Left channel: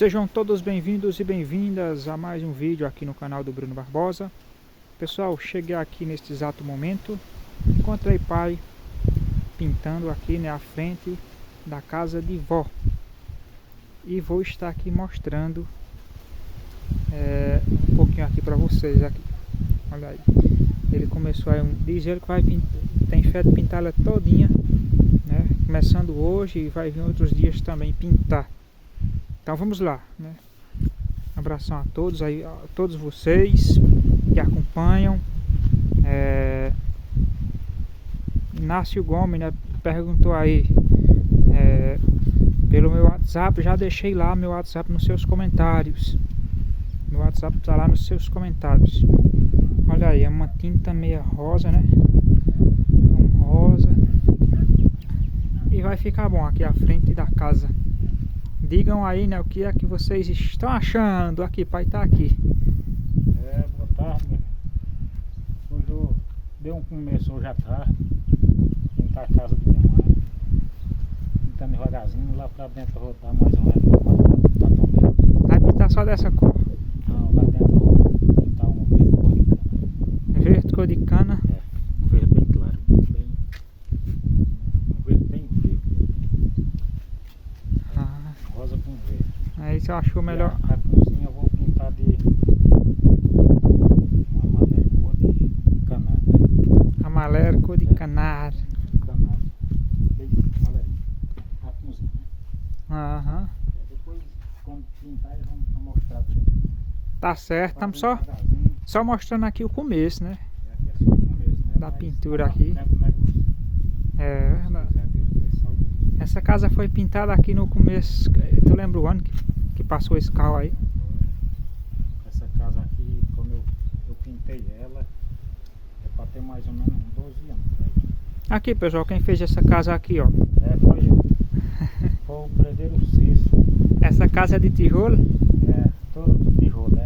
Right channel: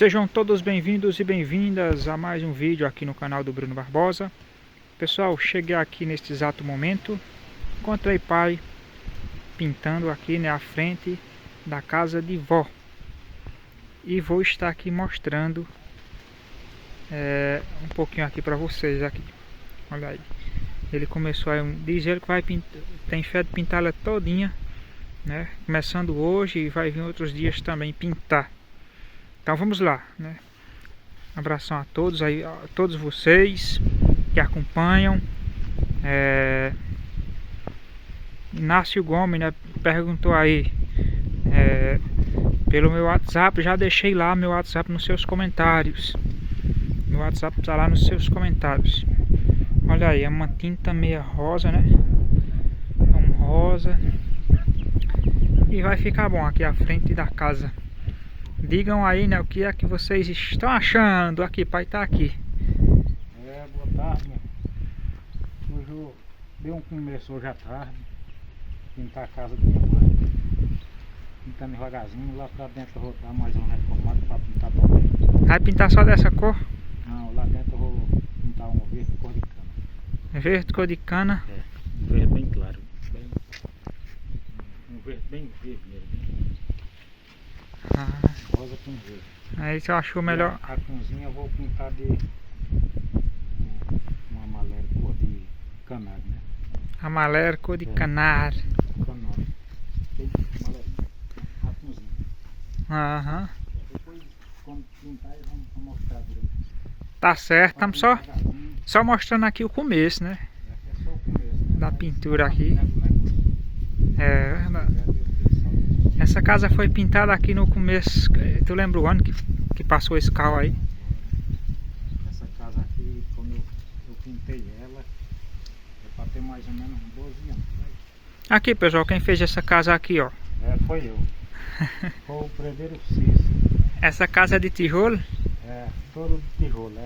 Sejam todos bem-vindos e bem-vindas a mais um vídeo aqui no canal do Bruno Barbosa. Pessoal, cheguei aqui neste exato momento, encontrei pai pintando aqui na frente da casa de vó. E vou estar aqui mostrando um pouquinho aqui para vocês aqui. Olha aí, ele começou a dizer que vai pintar, tem fé de pintar ela todinha, né? Começando hoje e vai vir outros dias também pintar. Então vamos lá, né? Abração a todos aí, a todos vocês que acompanham. Inácio Gomes, né, perguntou aí pelo meu WhatsApp. Já deixei lá meu WhatsApp nos seus comentários. Meu WhatsApp está lá nos seus comentários. Olha aí, é uma tinta meia rosa, né? É um rosa. E vai ficar bom aqui à frente da casa. Digam aí, né, o que é que vocês estão achando. Aqui, pai tá aqui. Boa tarde. Hoje eu dei um começo hoje à tarde. Pintar a casa da minha mãe. Pintando devagarzinho, lá pra dentro eu vou dar mais um reformado. Vai pintar só dessa cor? Não, lá dentro eu vou pintar um verde cor de cana. Verde cor de cana? Verde bem claro. Um verde bem verde. Rosa com verde. Aí você achou melhor. A cozinha eu vou pintar de uma amarela cor de canário. Amarelo cor de canário. Canário. A cozinha. Aham. Depois, quando pintar, eu vou mostrar tudo. Tá certo, estamos só mostrando aqui o começo, né? Da pintura aqui. É verdade. Essa casa foi pintada aqui no começo. Tu lembra o ano que passou esse carro aí? Essa casa aqui, quando eu pintei ela, é para ter mais ou menos 12 anos. Aqui, pessoal, quem fez essa casa aqui, ó. Foi eu. Foi o Predeiro Cícero. Essa casa é de tijolo? Todo de tijolo.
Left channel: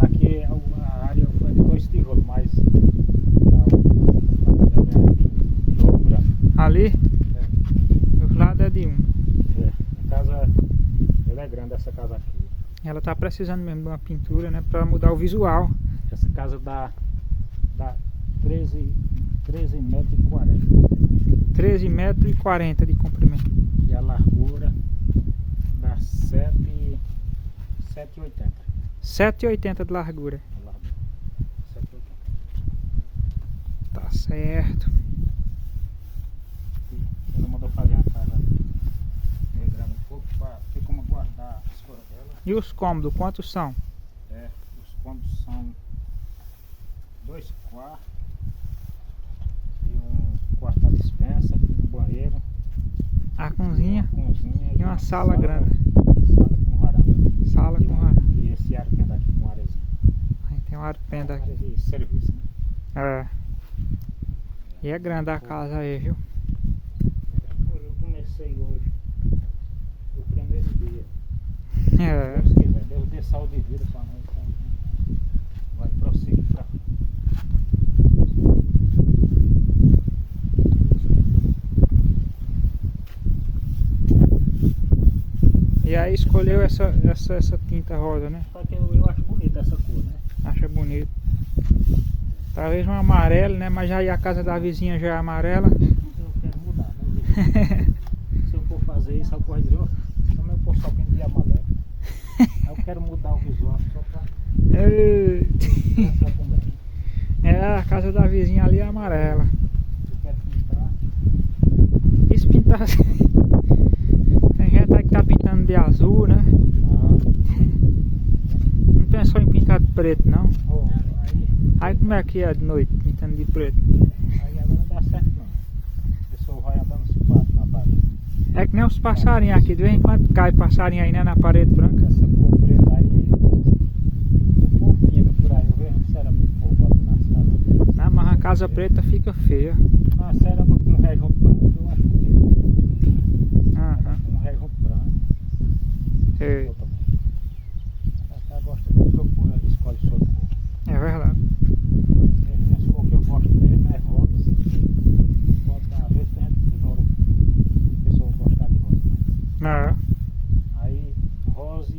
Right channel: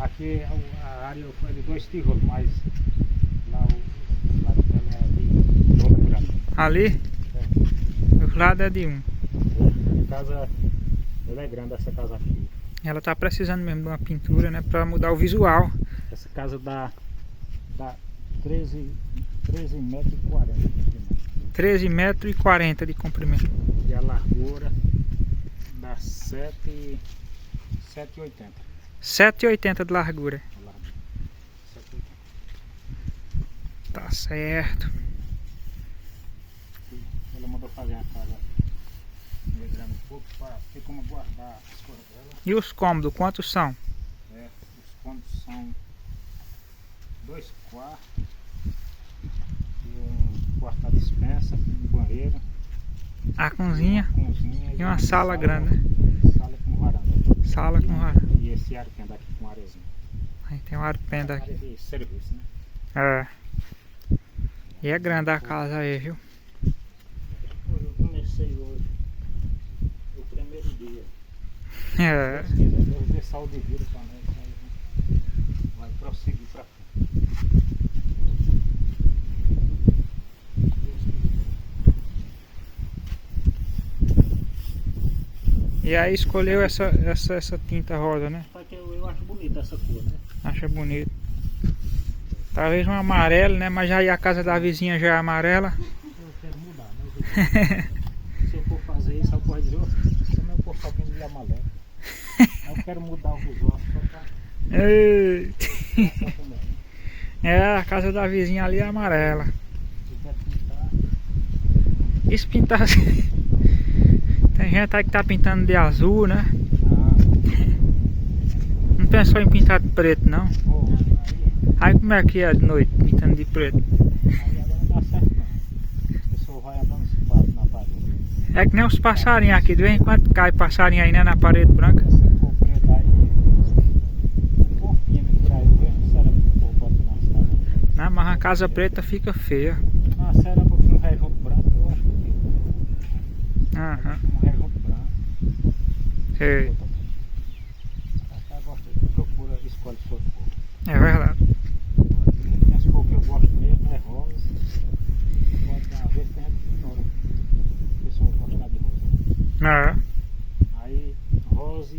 Aqui a área foi de 2 tijolos, mas lá é de tijolo branco. Ali? Do lado é de um. A casa ela é grande, essa casa aqui. Ela tá precisando mesmo de uma pintura, né? Pra mudar o visual. Essa casa dá 13,40 m. 13,40 m de comprimento. E a largura dá 7,80 m. 7,80 m de largura. 7,80. Tá certo. Ela mandou fazer a casa meio grande um pouco para ter como guardar as coisas dela. E os cômodos, quantos são? Os cômodos são 2 quartos e um quarto da despensa, um banheiro, A cozinha uma cozinha e uma sala grande. Sala com varanda. Sala com varanda. E esse arpenda aqui com arezinha. Aí tem um arpenda aqui. Área de serviço, né? E é grande a casa aí, viu? Eu comecei hoje, o primeiro dia. É. Deus dê saúde e vida para nós. Vai prosseguir para cá. E aí escolheu essa tinta rosa, né? Eu acho bonita essa cor, né? Acha bonito. Talvez um amarelo, né? Mas aí a casa da vizinha já é amarela. Eu quero mudar, né? Se eu for fazer isso, eu posso dizer, como eu posso alguém de amarelo? Eu quero mudar o visual só para Eita. também. A casa da vizinha ali é amarela. Eu quero pintar. E se pintar assim? Tem gente aí que tá pintando de azul, né? Não pensou em pintar de preto, não? Aí como é que é de noite, pintando de preto? Aí agora não dá certo não. A pessoa vai andando na parede. É que nem os passarinhos aqui, de vez em quando cai passarinho aí, né, na parede branca. Essa cor preta aí, o porquinho que por aí, eu vejo a cera que o povo bota nas casas. Não, mas a casa preta fica feia. A cera com um rejunto branco eu acho bonito. Aham. Um rejunto branco. Sei. Eu também. Ela gosta de procura, escolhe sua cor. É verdade. As cores que eu gosto mesmo é rosa. Às vezes tem gente que ignora. A pessoa gosta de rosa. É. Aí rosa. rosa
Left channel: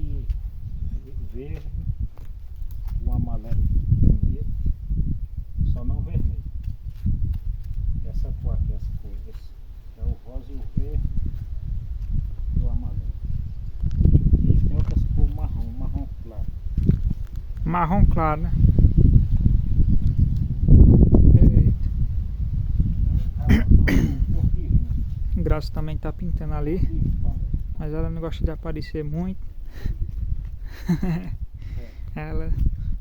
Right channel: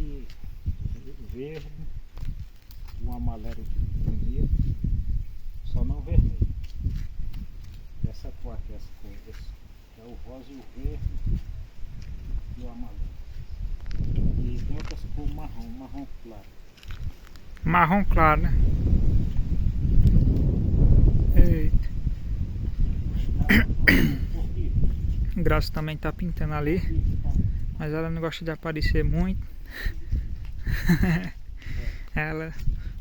verde, o amarelo primeiro, só não vermelho. Essa cor aqui, essa cor, é o rosa e o verde e o amarelo. E tem outras cores marrom claro. Marrom claro, né? Eita. Graça também tá pintando ali, mas ela não gosta de aparecer muito. Ela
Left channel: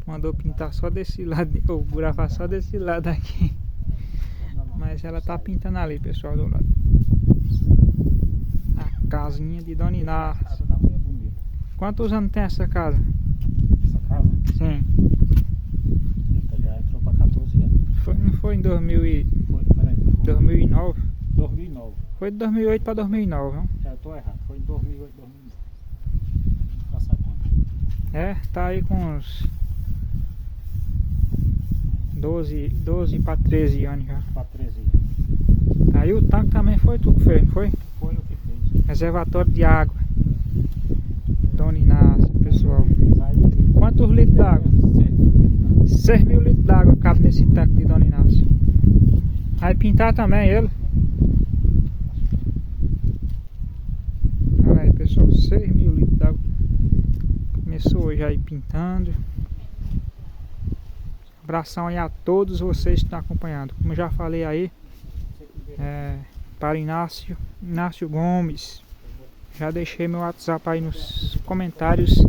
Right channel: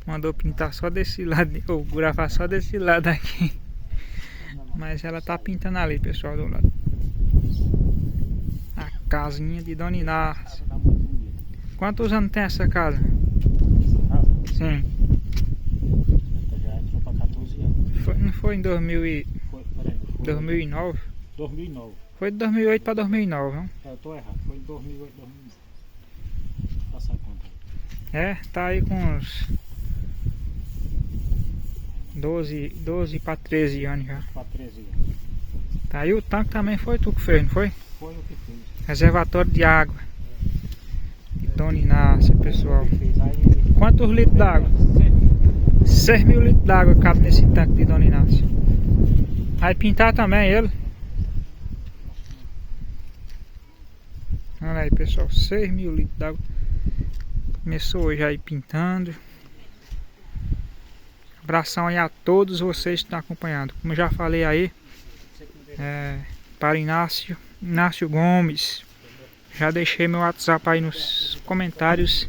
mandou pintar só desse lado, ou gravar só desse lado aqui. Mas ela tá pintando ali, pessoal, do lado. A casinha de Dona Inácia. Quantos anos tem essa casa? Essa casa? Sim. Já entrou pra 14 anos. Não foi em 2009? 2009. Foi de 2008 para 2009, não? Eu tô errado, foi em 2008, 2009. Vou passar a conta. É, tá aí com uns 12 para 13 anos já. Pra 13 anos. Aí o tanque também foi tu que fez, não foi? Foi o que fez. Reservatório de água de Dona Inácia, pessoal. Aí, Quantos litros d'água? 6.000 litros d'água cabe nesse tanque de Dona Inácia. Vai pintar também ele. Olha aí, pessoal, 6.000 litros d'água. Começou hoje aí pintando. Abração aí a todos vocês que estão acompanhando. Como eu já falei aí, para Inácio Gomes. Já deixei meu WhatsApp aí nos comentários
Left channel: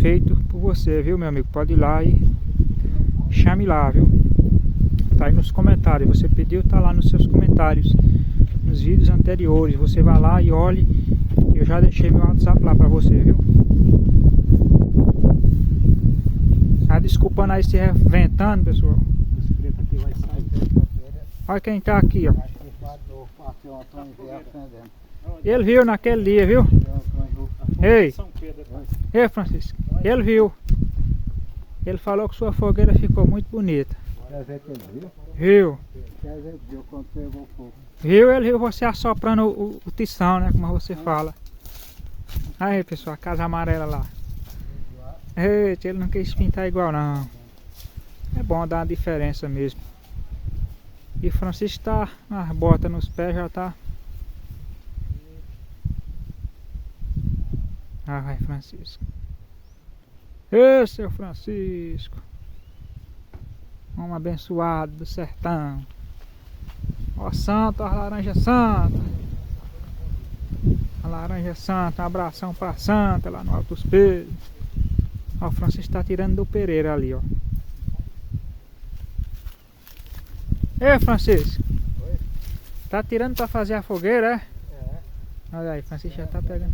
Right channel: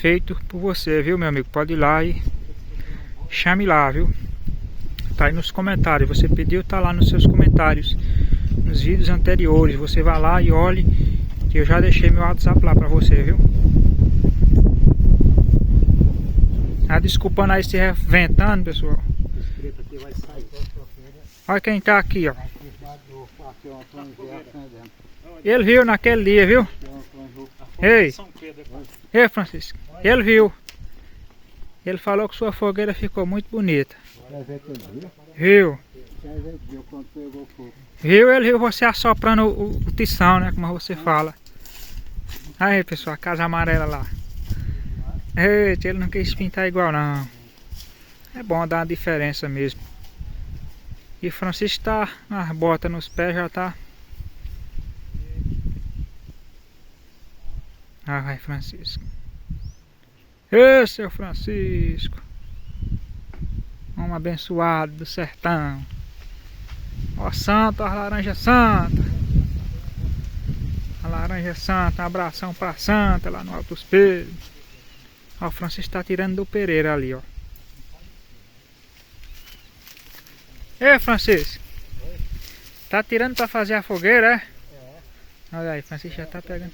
feito por você, viu, meu amigo? Pode ir lá e chame lá, viu? Tá aí nos comentários. Você pediu, tá lá nos seus comentários. Nos vídeos anteriores. Você vai lá e olhe. Que eu já deixei meu WhatsApp lá pra você, viu? Desculpando aí se ventando, pessoal. Olha quem tá aqui, ó. Ele viu naquele dia, viu? Ei, ei, Francisco. Ele viu. Ele falou que sua fogueira ficou muito bonita. Viu? Viu? Ele viu você assoprando o tição, né? Como você fala. Aí, pessoal, a casa amarela lá. Eita, ele não quis pintar igual não. É bom dar uma diferença mesmo. E Francisco tá com as botas nos pés, já tá. Ah, vai, Francisco. Ê, seu Francisco. Homem abençoado do sertão. Ó, santo, a laranja santa. A laranja santa, um abração pra santa lá no Alto dos Pedros. Ó, o Francisco tá tirando do Pereira ali, ó. Ei, Francisco. Oi? Tá tirando pra fazer a fogueira, é? É. Olha aí, Francisco já tá pegando.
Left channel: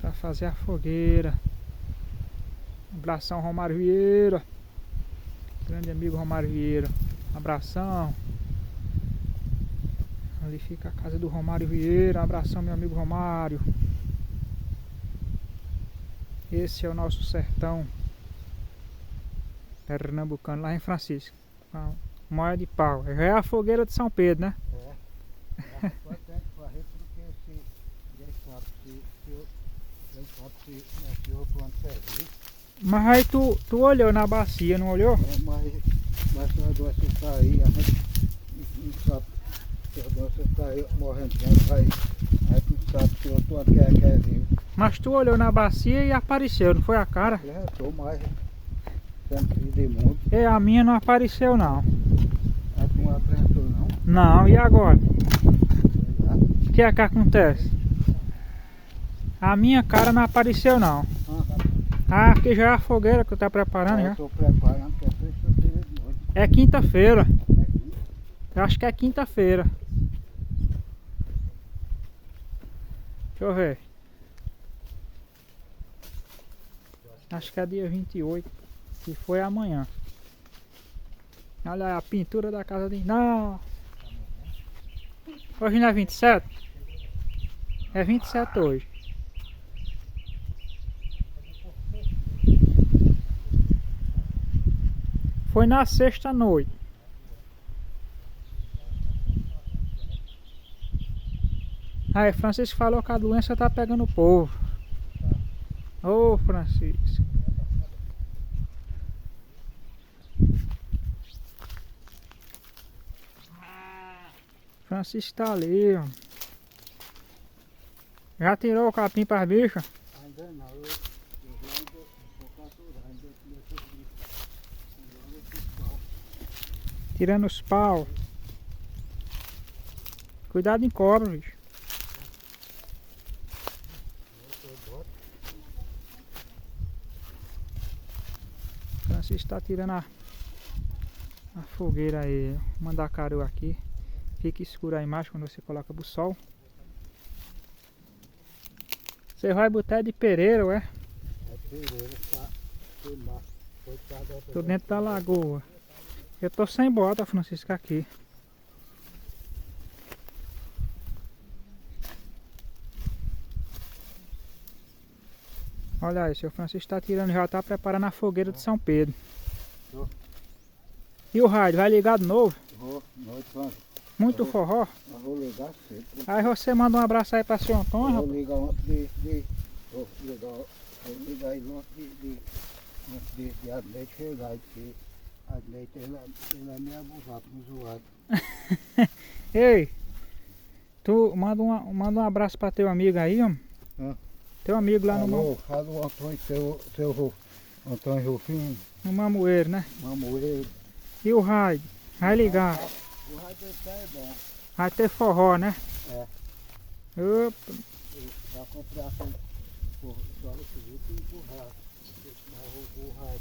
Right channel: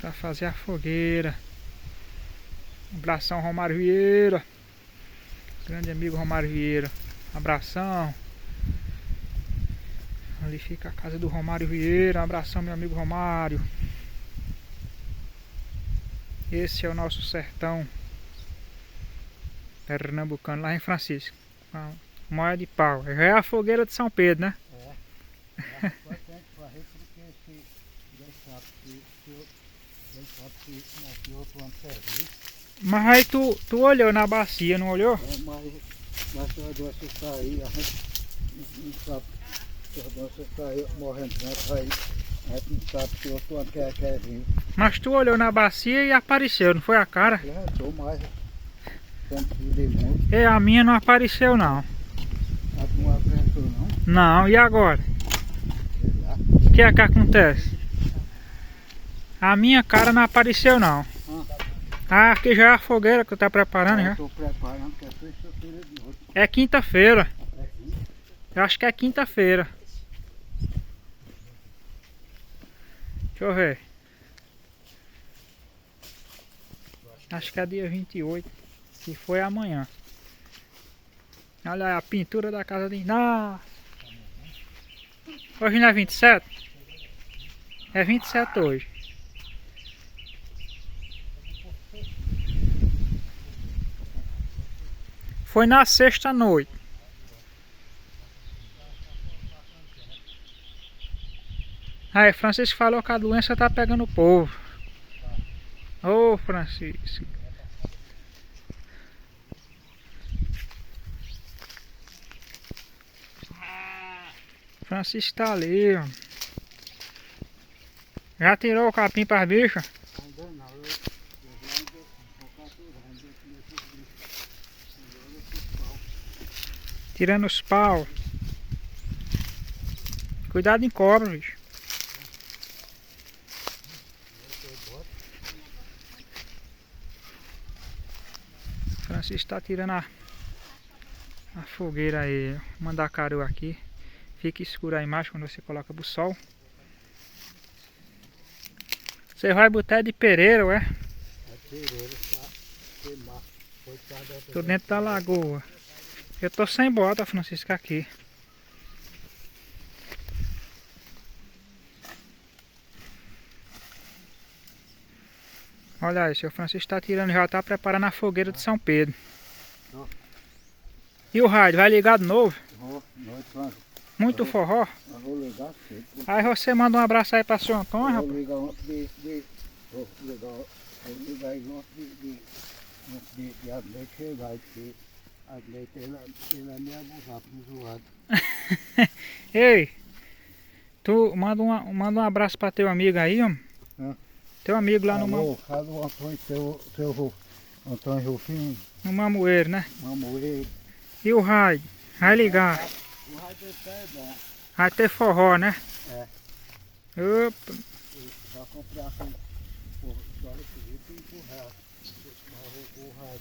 Pra fazer a fogueira. Abração, Romário Vieira. Grande amigo Romário Vieira. Abração. Ali fica a casa do Romário Vieira. Abração, meu amigo Romário. Esse é o nosso sertão pernambucano, lá em Francisco. A moia de pau. Já é a fogueira de São Pedro, né? É. Mas aí tu olhou na bacia, não olhou? Mas o negócio está aí, a gente não sabe se o negócio está aí morrendo, aí não sabe se eu estou até vivo. Mas tu olhou na bacia e apareceu, não foi a cara? Eu estou mais sentido muito. É, a minha não apareceu não. A tu não apareceu não? Não, e agora? O que é que acontece? A minha cara não apareceu não. Ah, aqui já é a fogueira que tu tá preparando já. Estou preparando, que é sexta-feira de noite. É quinta-feira. É aqui. Eu acho que é quinta-feira. Deixa eu ver. Acho que é dia 28. Que foi amanhã. Olha aí a pintura da casa de... Nossa! Hoje não é 27? É 27 hoje. Foi na sexta noite. Aí, Francisco falou que a doença tá pegando o povo. Ô, Francisco. Francisco tá ali, ó. Já tirou o capim para as bichas? Ainda não, eu vou capturar, ainda Tirando os pau. Cuidado em cobra, bicho. Francisco tá tirando a fogueira aí. Mandacaru aqui. Fica escuro a imagem quando você coloca pro sol. Você vai botar de pereira, ué? É pereira, tá? Queimar. Tô dentro da lagoa. Eu tô sem bota, Francisco, aqui. Olha aí, seu Francisco tá tirando, já tá preparando a fogueira de São Pedro. E o rádio, vai ligar de novo? Muito forró? Eu vou ligar cedo. Aí você manda um abraço aí pra seu Antônio, rapaz. Vou ligar ontem vou ligar aí ontem de Adleite chegar aqui. Adleite, ele é meio abusado, zoado. Ei, tu manda um abraço pra teu amigo aí, ó. Teu amigo lá no Fala o Antônio, seu Antônio Rufino. no Mamoeiro, né? Mamoeiro. E o rádio? Vai ligar. O rádio é bom. Vai ter forró, né? É. Opa. Vai comprar com só receber e empurrar. O rádio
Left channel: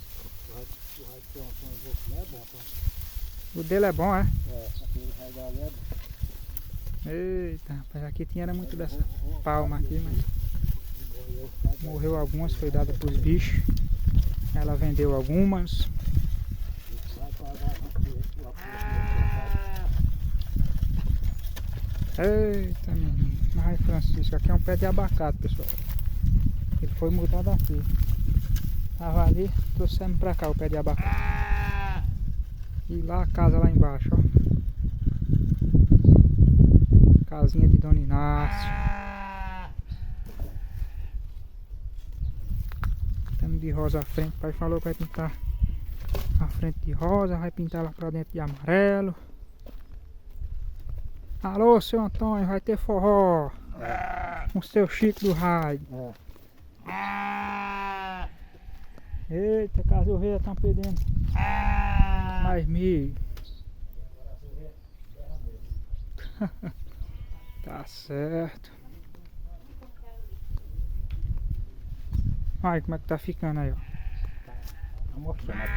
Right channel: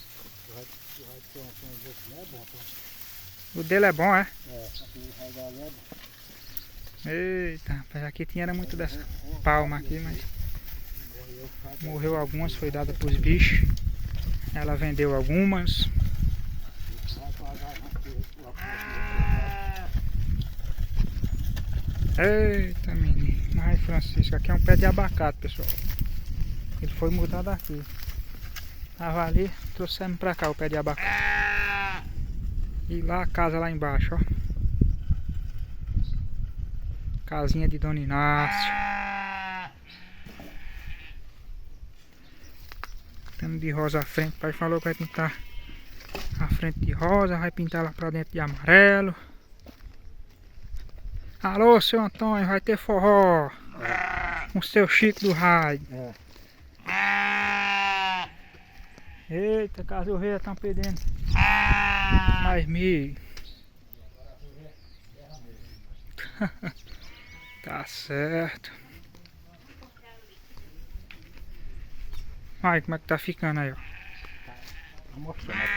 que o Antônio Rufino é bom, tá? O dele é bom, é? É, aquele rádio ali é bom. Eita, rapaz, aqui tinha muito dessa palma aqui, mas morreu algumas, foi dada pros bichos. Ela vendeu algumas. Eita, menino. Mas Francisco, aqui é um pé de abacate, pessoal. Ele foi mudar daqui. Tava ali, trouxemos pra cá o pé de abacate. E lá a casa lá embaixo, ó. Casinha de Dona Inácio. Temos de rosa à frente. O pai falou que vai pintar a frente de rosa, vai pintar lá pra dentro de amarelo. Alô, seu Antônio, vai ter forró. Com o seu Chico do rádio. Eita, cachorreira estão pedindo mais milho. Tá certo. Aí, como é que tá ficando aí, ó.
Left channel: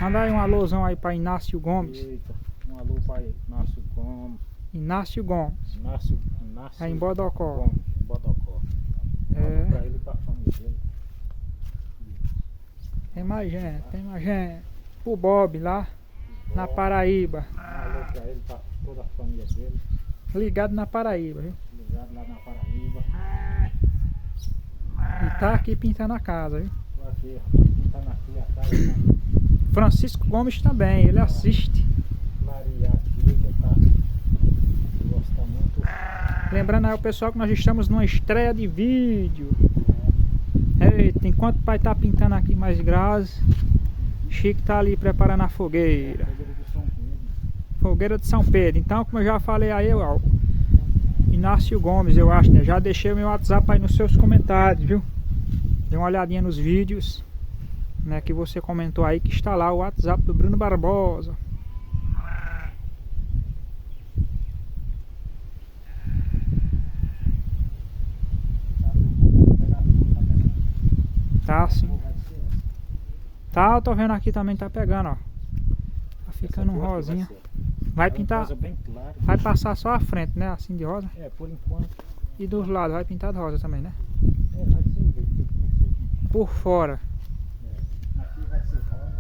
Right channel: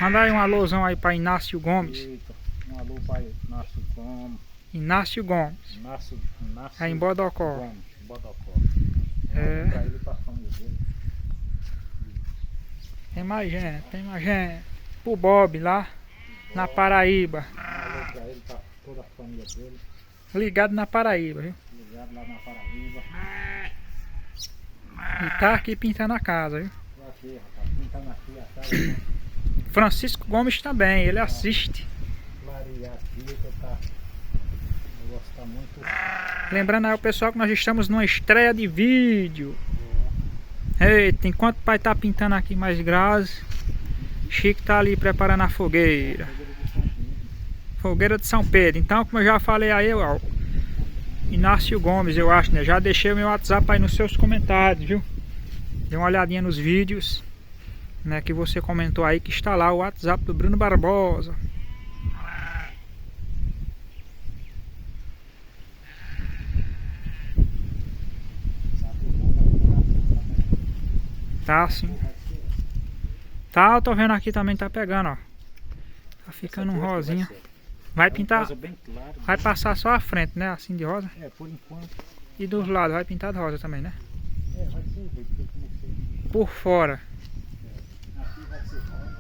Manda aí um alôzão aí pra Inácio Gomes. Eita, um alô para Inácio Gomes. Inácio Gomes. Inácio É em Bodocó. Gomes, Bodocó. É. Pra ele, pra família dele. Tem mais gente. Pro Bob lá na Paraíba. Um alô pra ele, pra toda a família dele. Ligado na Paraíba, viu? Ligado lá na Paraíba. E tá aqui pintando a casa, viu? Tô aqui, rapaz, pintando aqui a casa. Francisco Gomes também, ele assiste. Clarear aqui, que tá. Gosta muito. Lembrando aí o pessoal que nós estamos numa estreia de vídeo. Eita, enquanto o pai tá pintando aqui mais grase, Chico tá ali preparando a fogueira. Fogueira de São Pedro. Então, como eu já falei aí, ó, Inácio Gomes, eu acho, né? Já deixei o meu WhatsApp aí nos seus comentários, viu? Dê uma olhadinha nos vídeos, né? Que você comentou aí, que está lá o WhatsApp do Bruno Barbosa. Tá sim. Tá, eu tô vendo aqui também, tá pegando, ó. Tá ficando um rosinha. Vai pintar, vai passar só a frente, né? Assim de rosa. É, por enquanto. E dos lados vai pintar de rosa também, né? É, vai ser verde. Por fora, Aqui vai ser rosa.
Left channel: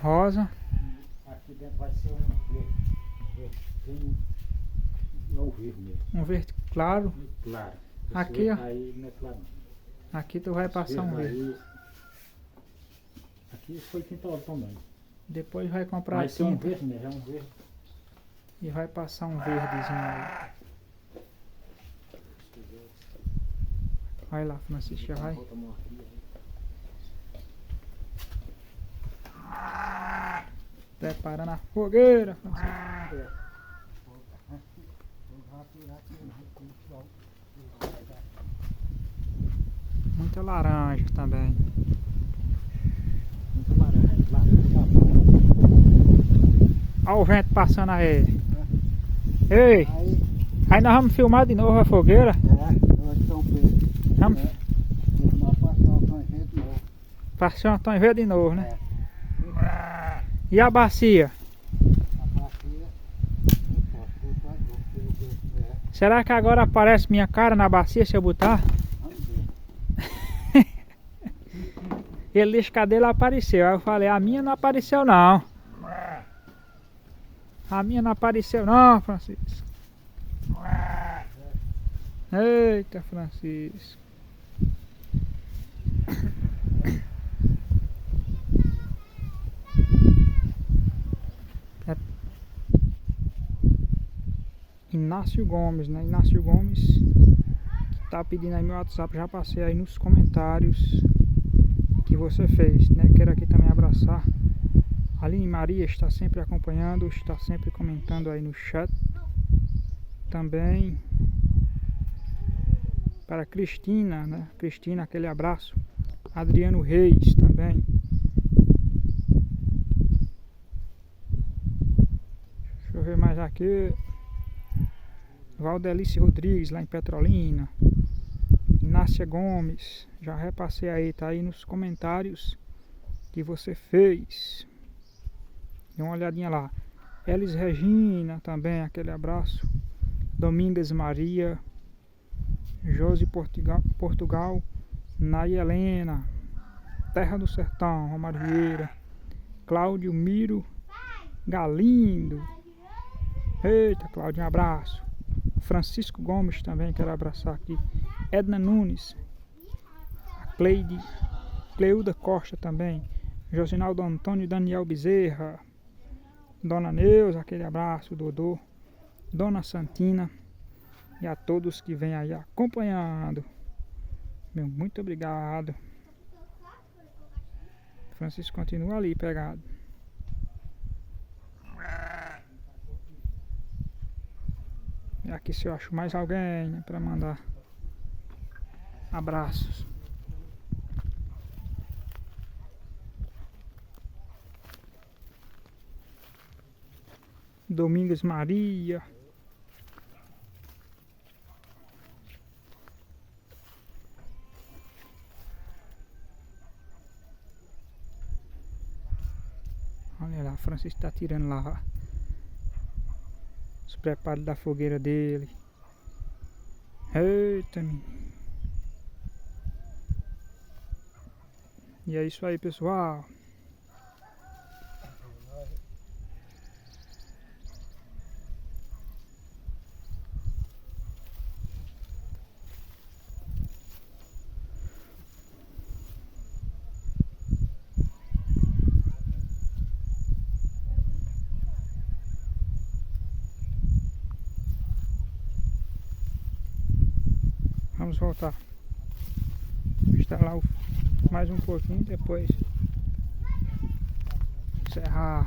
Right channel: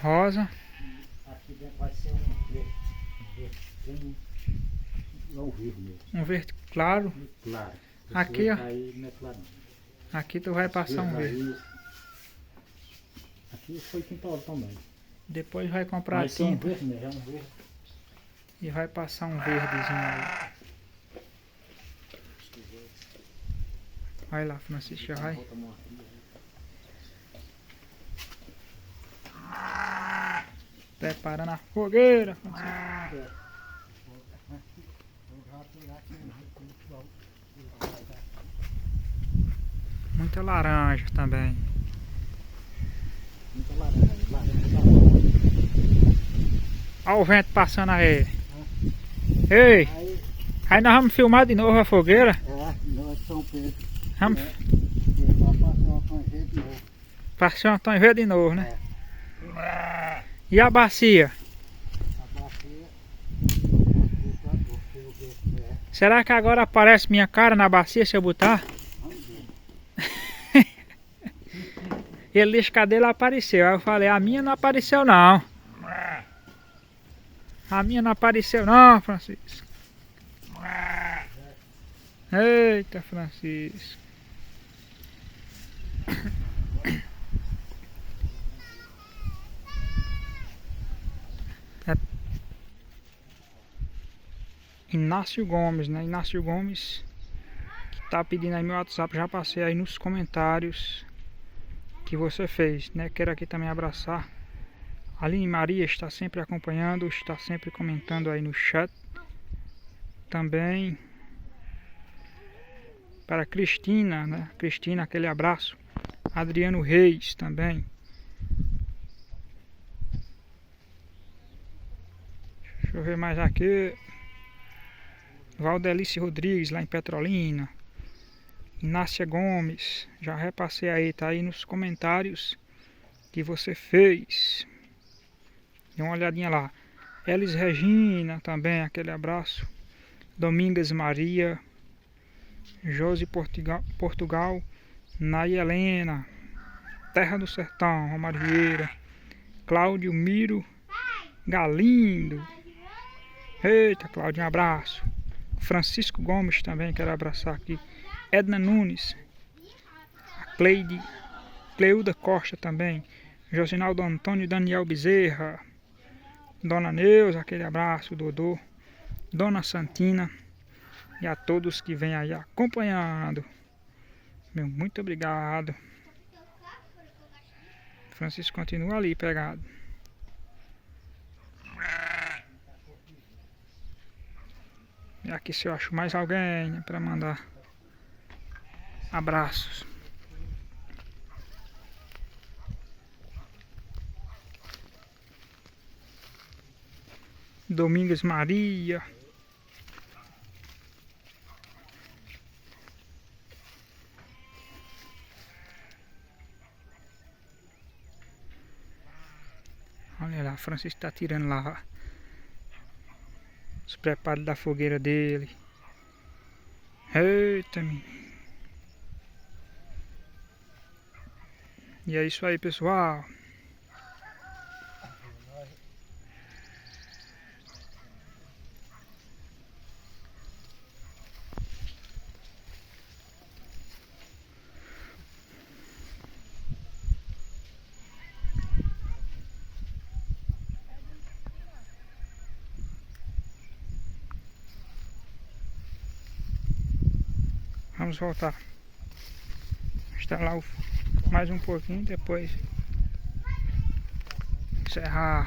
rosa. Aqui dentro vai ser um verde. Não verde mesmo. Um verde claro. Claro. Aqui, ó. Aí não é claro. Aqui tu vai passar um verde. Aqui foi pintado também. Depois vai comprar a Mas são tinta verde, né? Já é um verde. e vai passar um verdezinho aí. Vai lá, Francisco, já vai. Preparando a fogueira, Francisco. Muita laranja também. Muito laranja. Olha o vento passando aí. Ei, aí nós vamos filmar de novo a fogueira. Vamos passar um tom verde de novo, né? E a bacia? Será que agora aparece minha cara na bacia se eu botar? Ele disse que a dele apareceu. Aí eu falei, a minha não apareceu não. A minha não apareceu não, Francisco. Eita, Francisco. Inácio Gomes, né? Inácio Gomes que tá pedindo aí meu WhatsApp. Já passei aí nos comentários que você fez, né? Quero aqui também abraçar Aline Maria, está sempre acompanhando, está sempre comentando aí no chat. Também para Cristina, né? Cristina, aquele abraço. Adriano Reis também. Deixa eu ver mais aqui. Valdelice Rodrigues, lá em Petrolina. Inácia Gomes, já repassei aí, tá aí nos comentários que você fez. Dê uma olhadinha lá. Elis Regina também, aquele abraço. Domingas Maria. Josi Portugal. Nay Helena. Terra do Sertão, Romário Vieira. Cláudio Miro Galindo. Eita, Cláudio, um abraço. Francisco Gomes também, quero abraçar aqui. Edna Nunes. A Cleuda Costa também. Josinaldo Antônio Daniel Bezerra. Dona Neuza, aquele abraço, Dodô. Dona Santina. E a todos que vêm aí acompanhando. Meu, muito obrigado. Francisco continua ali pegado. E aqui se eu acho mais alguém, né, para mandar abraços. Domingas Maria. Olha lá, Francisco está tirando lá os preparos da fogueira dele. Eita, menino. E é isso aí, pessoal. Vamos voltar. Instalar mais um pouquinho, depois encerrar.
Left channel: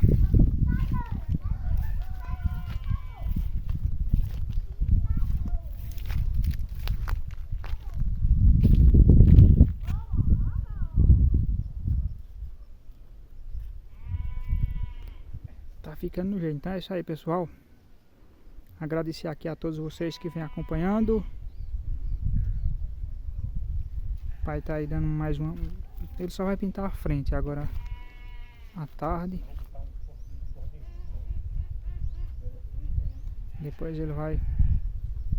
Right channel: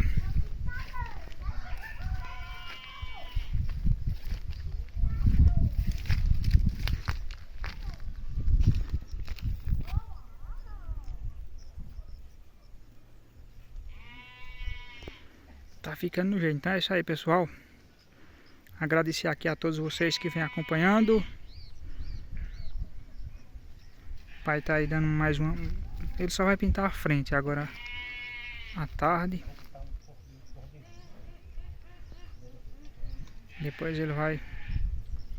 Tá ficando no jeito. Então é isso aí, pessoal. Agradecer aqui a todos vocês que vêm acompanhando. O pai tá aí dando mais uma. Ele só vai pintar a frente agora à tarde. Depois ele vai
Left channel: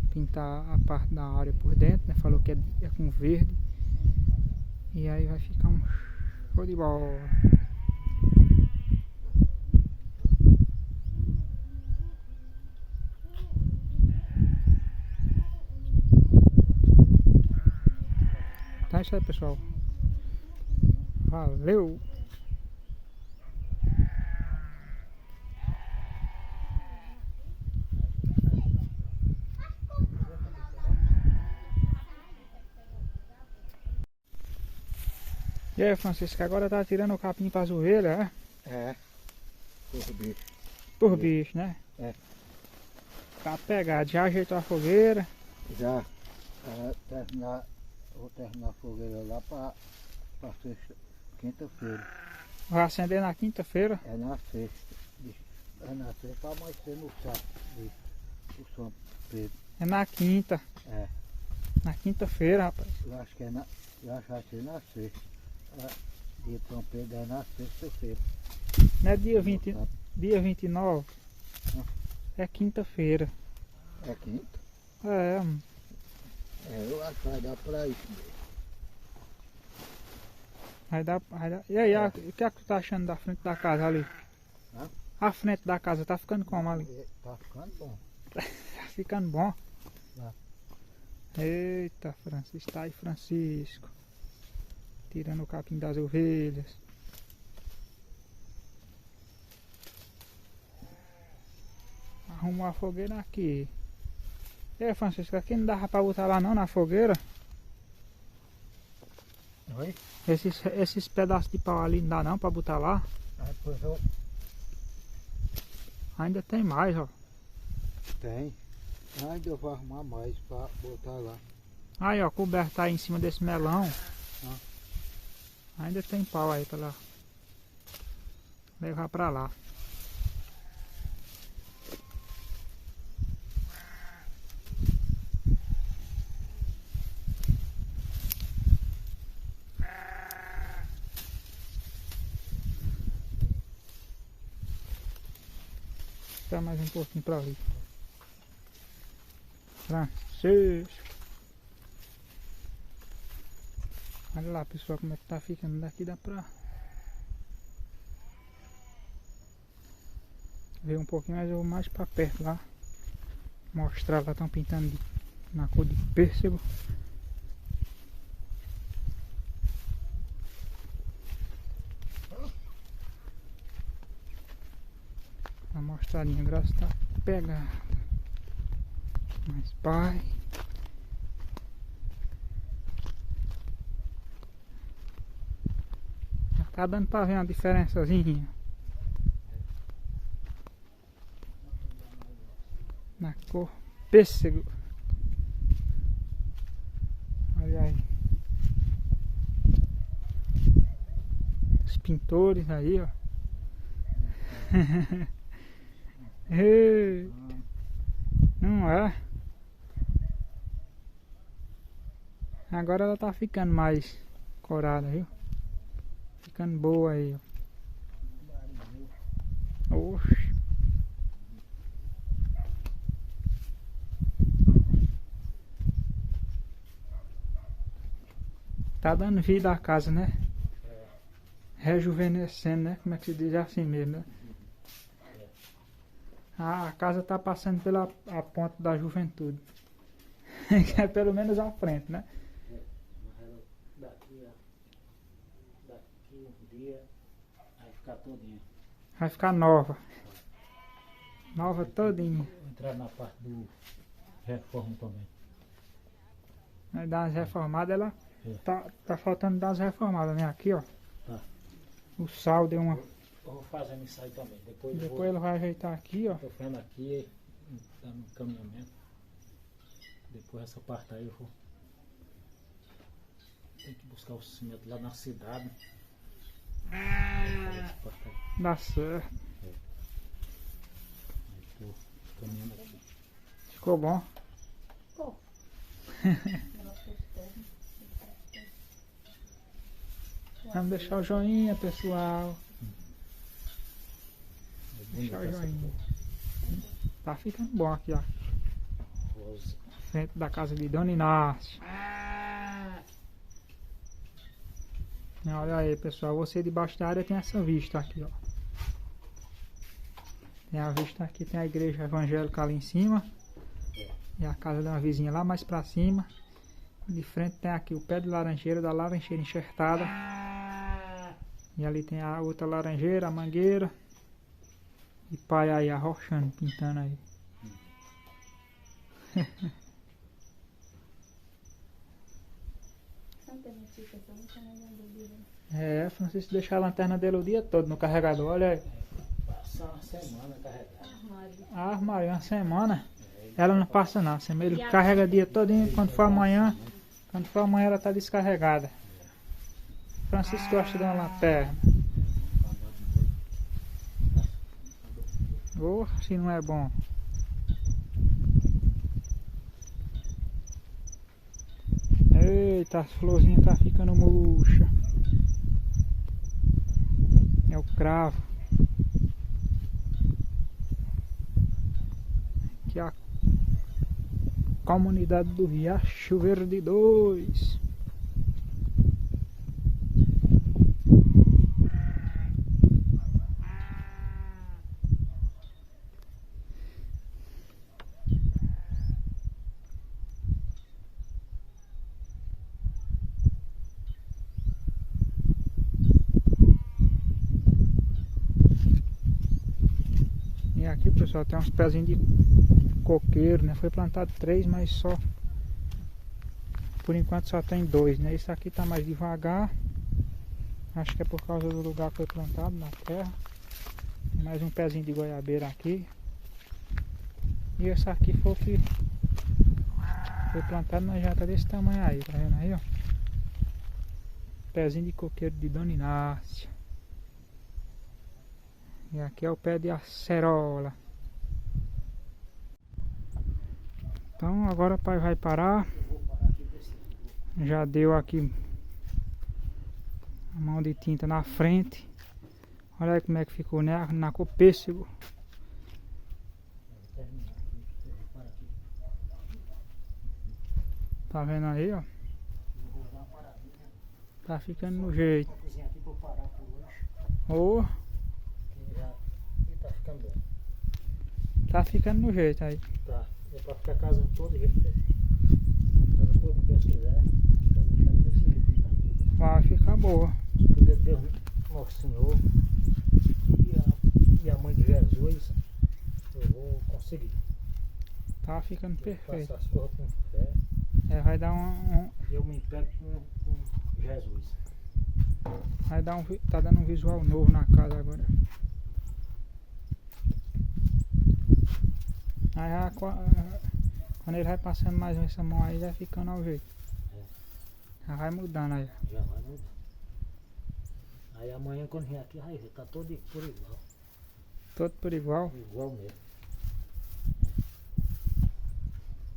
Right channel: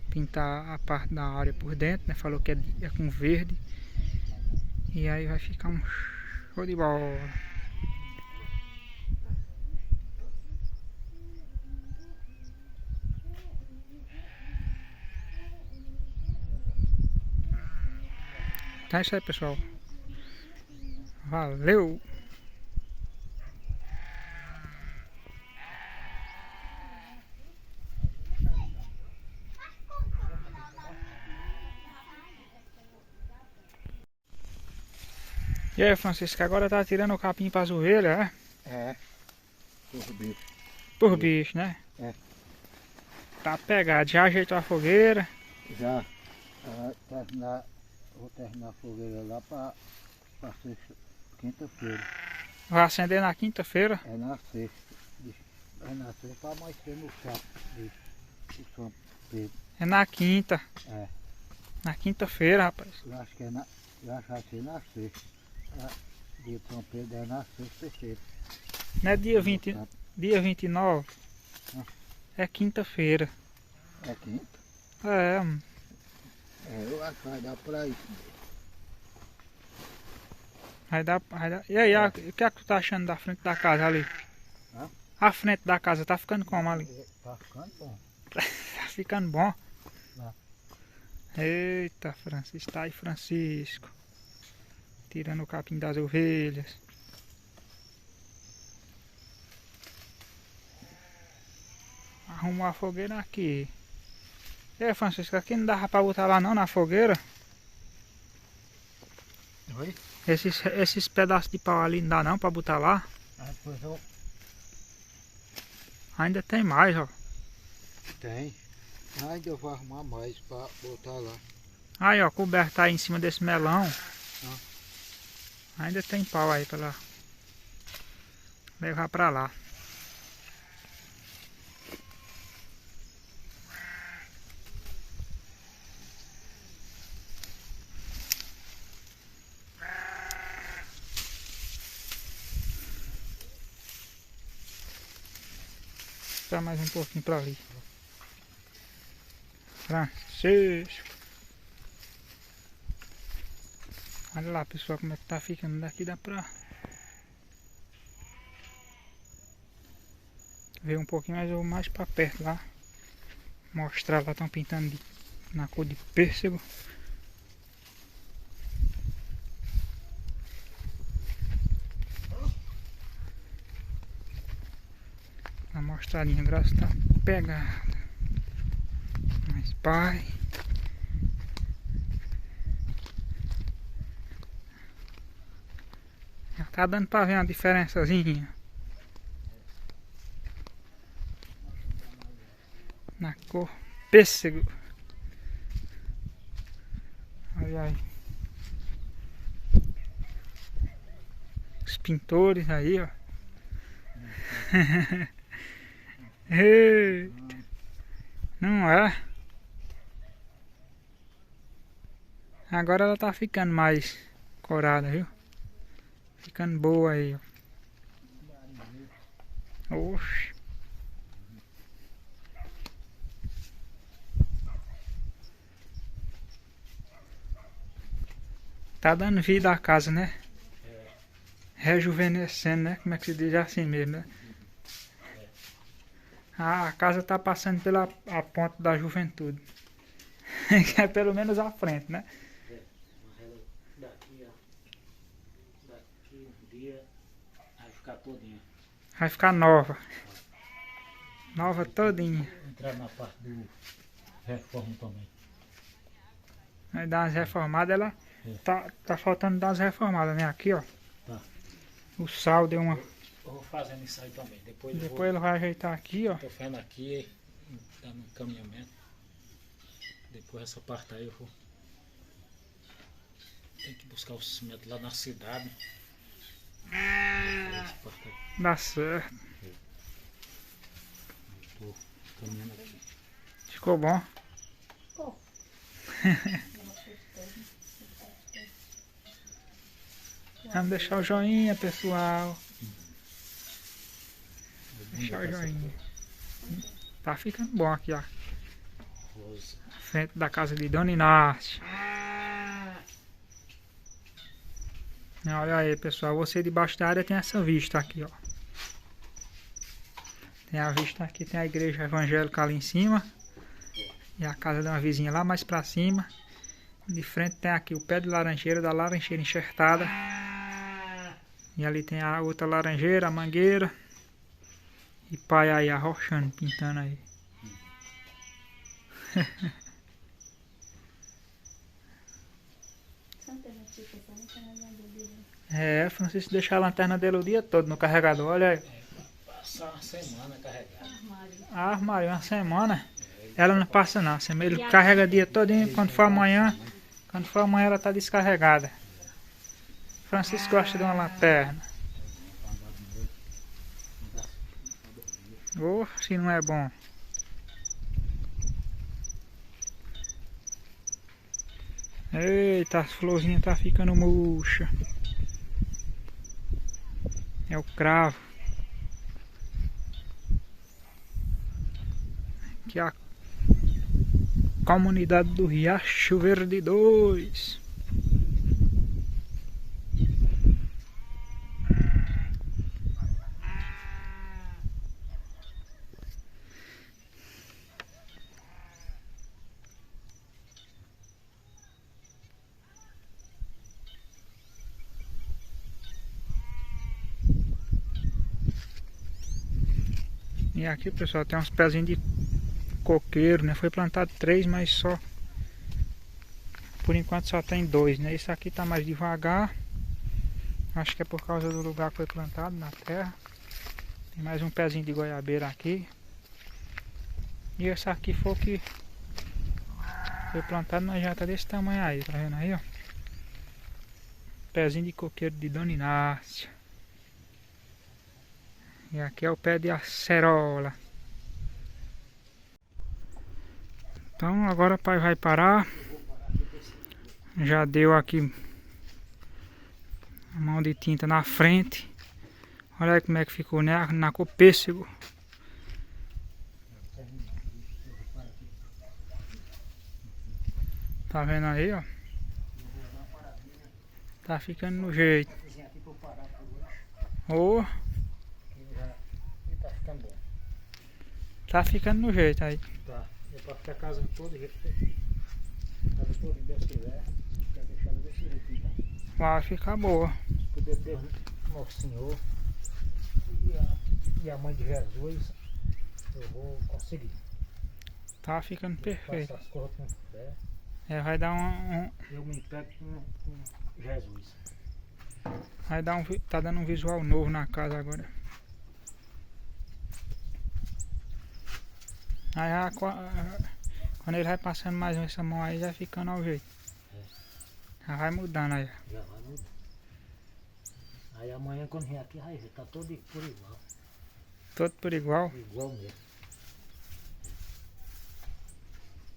pintar a parte da área por dentro, né? Falou que é com verde. E aí vai ficar um show de bola. Então é isso aí, pessoal. Valeu! E aí, Francisco, agora tá tirando o capim pra zoeira, é? É. Por bicho. Por bicho, né? É. Tá pegado, já ajeitou a fogueira. Já. Vou terminar a fogueira lá pra sexta, quinta-feira. Vai acender na quinta-feira. É na sexta. É na sexta pra amanhecer no sábado de São Pedro. É na quinta. É. Na quinta-feira, rapaz. Eu acho que é na. Eu acho que vai ser na sexta. Dia de São Pedro é na sexta-feira. Não é dia 29? Não. É quinta-feira. É quinta? É, É, eu acho que vai dar pra isso mesmo. vai dar. E aí, o que é que tu tá achando da frente da casa ali? Hã? A frente da casa tá ficando como ali? Tá ficando bom. Tá ficando bom? Tá. Eita, Francisco, tá aí, Francisco. Tirando o capim das ovelhas. Arrumou a fogueira aqui. E aí, Francisco, aqui não dava pra botar lá não na fogueira? Oi? Esses pedaços de pau ali não dá não pra botar lá? É, pois eu... Ainda tem mais, ó. Tem. Ainda eu vou arrumar mais pra botar lá. Aí, ó, coberto aí em cima desse melão. Ah. Ainda tem pau aí pra lá. Levar pra lá. Só mais um pouquinho pra ali. Francisco. Olha lá, pessoal, como é que tá ficando. Daqui dá pra ver um pouquinho, mas eu vou mais pra perto lá. Mostrar lá, estão pintando na cor de pêssego. Uma mostradinha, agora está pegada. Mas pai. Já tá dando pra ver uma diferençazinha. Na cor pêssego. Olha aí. Os pintores aí, ó. Eita. Não é? Agora ela tá ficando mais corada, viu? Ficando boa aí, ó. Oxe. Tá dando vida à casa, né? Rejuvenescendo, né? Como é que se diz assim mesmo, né? A casa tá passando pela a ponta da juventude. Que é pelo menos à frente, né? Daqui, ó. Daqui um dia vai ficar todinha. Vai ficar nova. Nova todinha. Entrar na parte do reforma também. Vai dar umas reformadas, ela tá faltando dar umas reformadas, né? Aqui, ó. Tá. O sal deu uma. Eu vou fazendo isso aí também. Depois Ele vai ajeitar aqui, ó. tô fazendo aqui, dando um encaminhamento. Depois essa parte aí eu vou. Tem que buscar o cimento lá na cidade. Essa parte aí. Dá certo. Tô caminhando aqui. Ficou bom? Vamos deixar o joinha, pessoal. Deixar o joinha. Tá ficando bom aqui, ó. Rosa. Frente da casa de Dona Inácia. Olha aí, pessoal. Você debaixo da área tem essa vista aqui, ó. Tem a vista aqui, tem a igreja evangélica ali em cima. E a casa de uma vizinha lá mais pra cima. De frente tem aqui o pé de laranjeira, da laranjeira enxertada. E ali tem a outra laranjeira, a mangueira. E pai aí arrochando, pintando aí. É, Francisco deixa a lanterna dele o dia todo no carregador, olha aí. Passar uma semana carregado. Armário, uma semana. Ela não passa não, ele carrega o dia todinho, quando for amanhã ela tá descarregada. Francisco gosta de uma lanterna. Oh, se não é bom. Eita, as florzinhas tá ficando murcha. É o cravo. Aqui é a comunidade do Riacho Verde 2. E aqui, pessoal, tem uns pezinhos de coqueiro, né? Foi plantado 3, mas só por enquanto só tem 2, né? Esse aqui tá mais devagar. Acho que é por causa do lugar que foi plantado na terra. Tem mais um pezinho de goiabeira aqui. E esse aqui foi o que foi plantado, mas já tá desse tamanho aí, tá vendo aí, ó? Pezinho de coqueiro de Dona Inácia. E aqui é o pé de acerola. Então agora o pai vai parar. Já deu aqui a mão de tinta na frente. Olha aí como é que ficou, né? Na cor pêssego. Tá vendo aí, ó? Tá ficando no jeito. Oh. Tá ficando bom. Tá ficando no jeito aí. Tá. É pra ficar a casa toda, casa toda desse lugar. Quer deixar desse jeito. Vai ficar boa. Poder Deus, Nosso Senhor e a Mãe de Jesus, eu vou conseguir. Tá ficando perfeito. Faço as coisas com fé. É, vai dar Eu me pego com Jesus. vai dar tá dando um visual novo na casa agora. Aí já, quando ele vai passando mais essa mão aí, já ficando ao jeito. Já vai mudando aí. Já vai mudar. Aí amanhã quando vier aqui, vai ver, tá todo por igual. Todo por igual. Igual mesmo.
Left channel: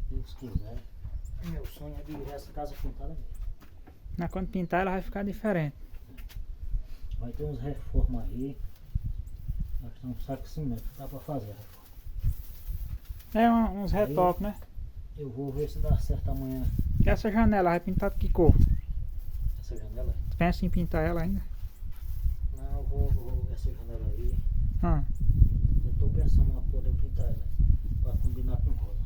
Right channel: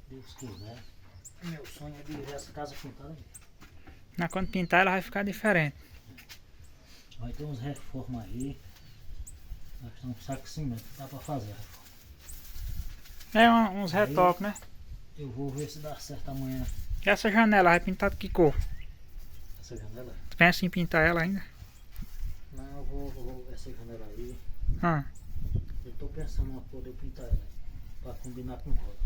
Deus quiser. Meu sonho é de ver essa casa pintada mesmo. Mas quando pintar ela vai ficar diferente. Vai ter uns reformas aí. Nós estamos saco de cimento, dá pra fazer a reforma. É uns retoques, né? Eu vou ver se dá certo amanhã. E essa janela vai pintar de que cor? Essa janela? Tu pensa em pintar ela ainda? Não, eu vou ver essa janela aí. Ah. Eu tô pensando na cor de eu pintar ela. Pra combinar com roda.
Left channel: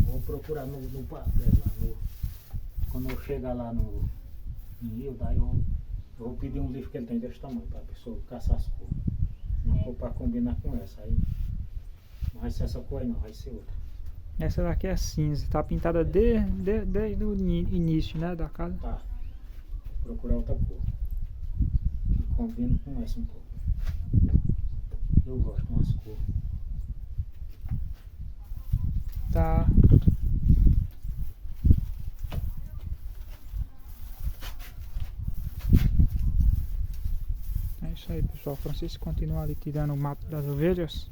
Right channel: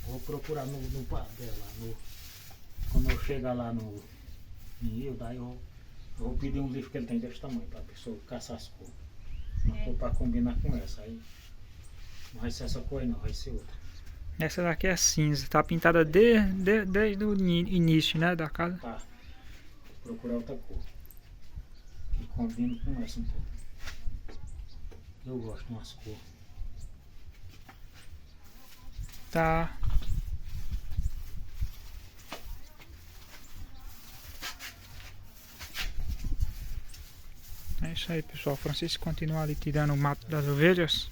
Vou procurar no papel lá. Quando eu chegar lá no Rio, daí eu vou pedir um livro que ele tem desse tamanho pra pessoa caçar as cores. Uma cor pra combinar com essa aí. Não vai ser essa cor aí não, vai ser outra. Essa daqui é cinza, tá pintada desde o início, né, da casa. Tá. Vou procurar outra cor. Que combine com essa um pouco. Eu gosto de umas cores. Tá. É isso aí, pessoal. Francisco continua ali tirando o mato das ovelhas.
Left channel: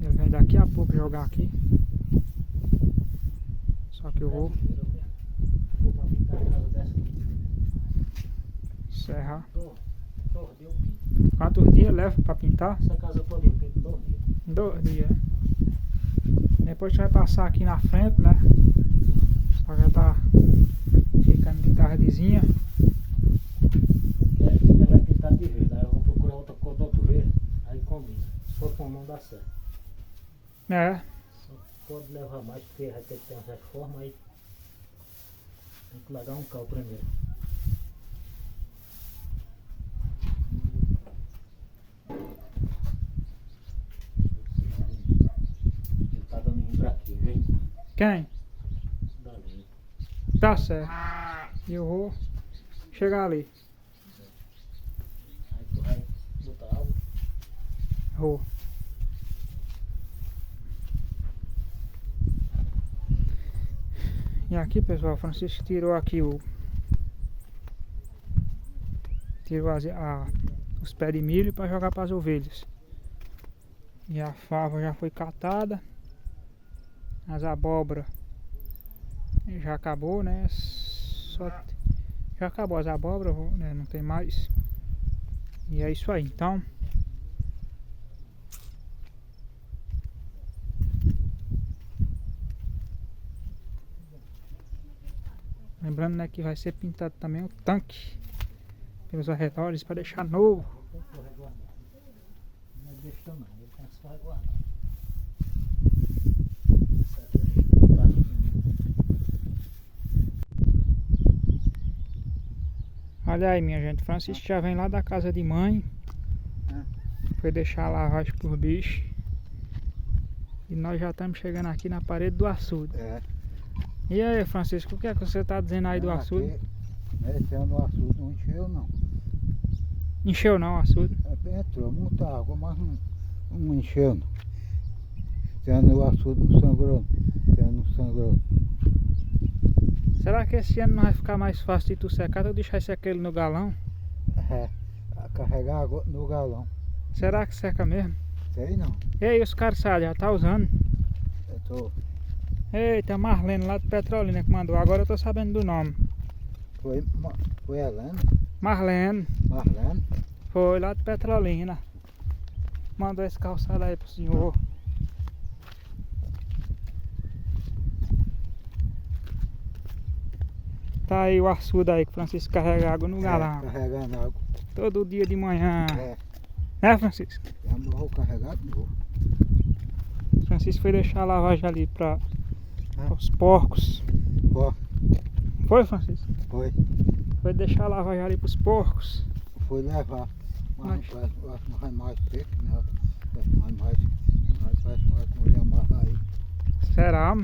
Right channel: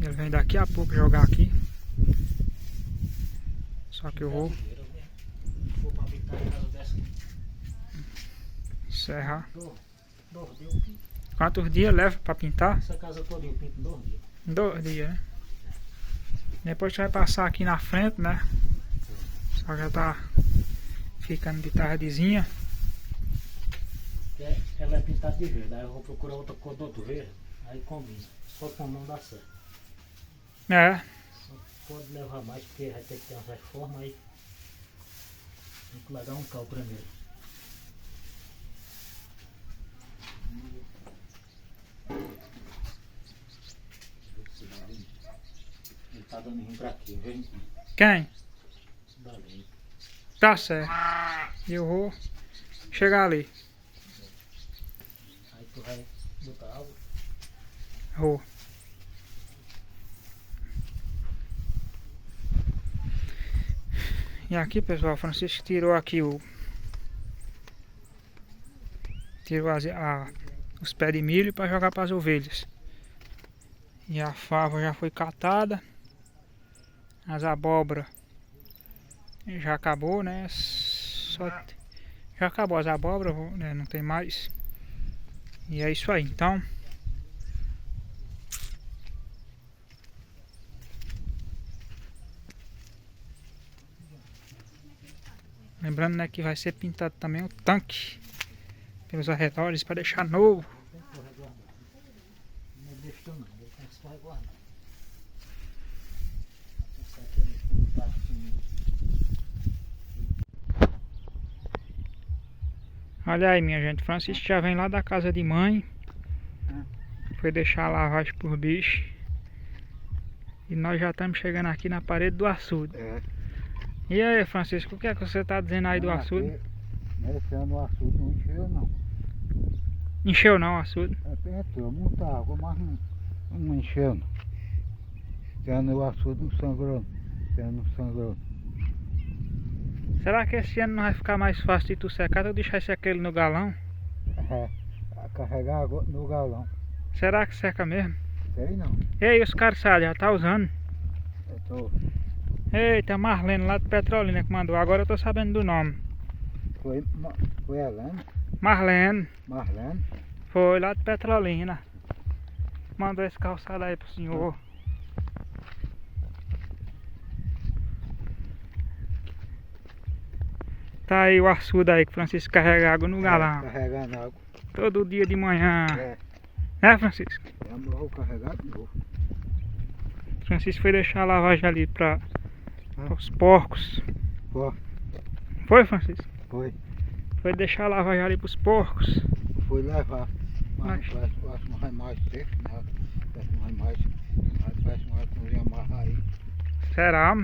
Ele vem daqui a pouco jogar aqui. Só que eu vou Vou pra pintar a casa dessa. encerrar. 2 dias eu pinto. Quantos dias leva pra pintar? Essa casa toda eu pinto 2 dias. 2 dias, né? Depois tu vai passar aqui na frente, né? Só que já tá ficando de tardezinha. Ela é pintada de verde, aí eu vou procurar outra cor do outro verde, aí combina. Só com não dá certo. É. Só pode levar mais porque vai ter que ter umas reformas aí. Tem que largar um cal primeiro. Ele tá dando rim pra aqui, viu? Quem? Dali. Tá certo. Eu vou chegar ali. Aí tu vai botar água. Vou. E aqui, pessoal, o Francisco tirou aqui tirou os pés de milho para jogar para as ovelhas. E a fava já foi catada. As abóbora já acabou, né? Já acabou as abóboras, né? Não tem mais. E é isso aí, então. Lembrando, né, que vai ser pintado também o tanque pelos arredores para deixar novo. Não deixa não, eu canso de guardar. Olha aí, minha gente, Francisco já vem lá da casa de mãe. Foi deixar a lavagem por bicho. E nós já estamos chegando aqui na parede do açude. É. E aí, Francisco, o que é que você está dizendo aí do açude? Esse ano o açude não encheu não. Encheu não o açude? Entrou muita água, mas não encheu não. Esse ano o açude não sangrou. Esse ano não sangrou. Será que esse ano não vai ficar mais fácil de tu secar? Tu deixar esse aquele no galão? É, carregar água no galão. Será que seca mesmo? Sei não. E aí, os caras já tá usando? Eu tô. Eita, Marlene lá de Petrolina que mandou. Agora eu tô sabendo do nome. Foi Helena? Marlene. Marlene? Foi lá de Petrolina. Mandou esse calçado aí pro senhor. Tá aí o açude aí que o Francisco carrega água no galão. Carregando água. Todo dia de manhã. É. Né, Francisco? Eu vou carregar de novo. Francisco foi deixar a lavagem ali para os porcos. Foi. Foi, Francisco? Foi. Foi deixar a lavagem ali pros porcos. Fui levar. Mas eu acho que não vai mais seco, não. Parece mais que não ia amarrar aí. Será?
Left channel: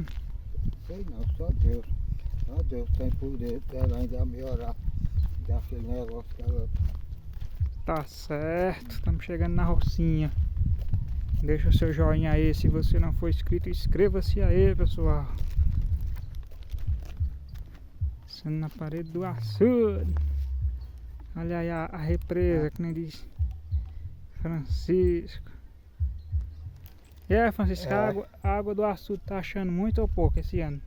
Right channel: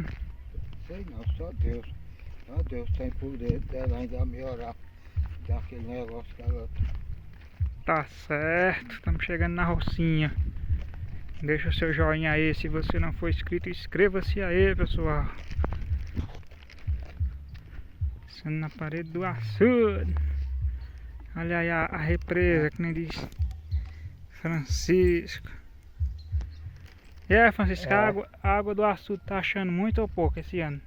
Sei não, só Deus. Só Deus tem poder dela ainda melhorar daquele negócio que ela. Tá certo, estamos chegando na rocinha. Deixa o seu joinha aí, se você não for inscrito, inscreva-se aí, pessoal. Sendo na parede do açude. Olha aí a represa, que nem diz Francisco. E aí, Francisco, a água do açude tá achando muito ou pouco esse ano?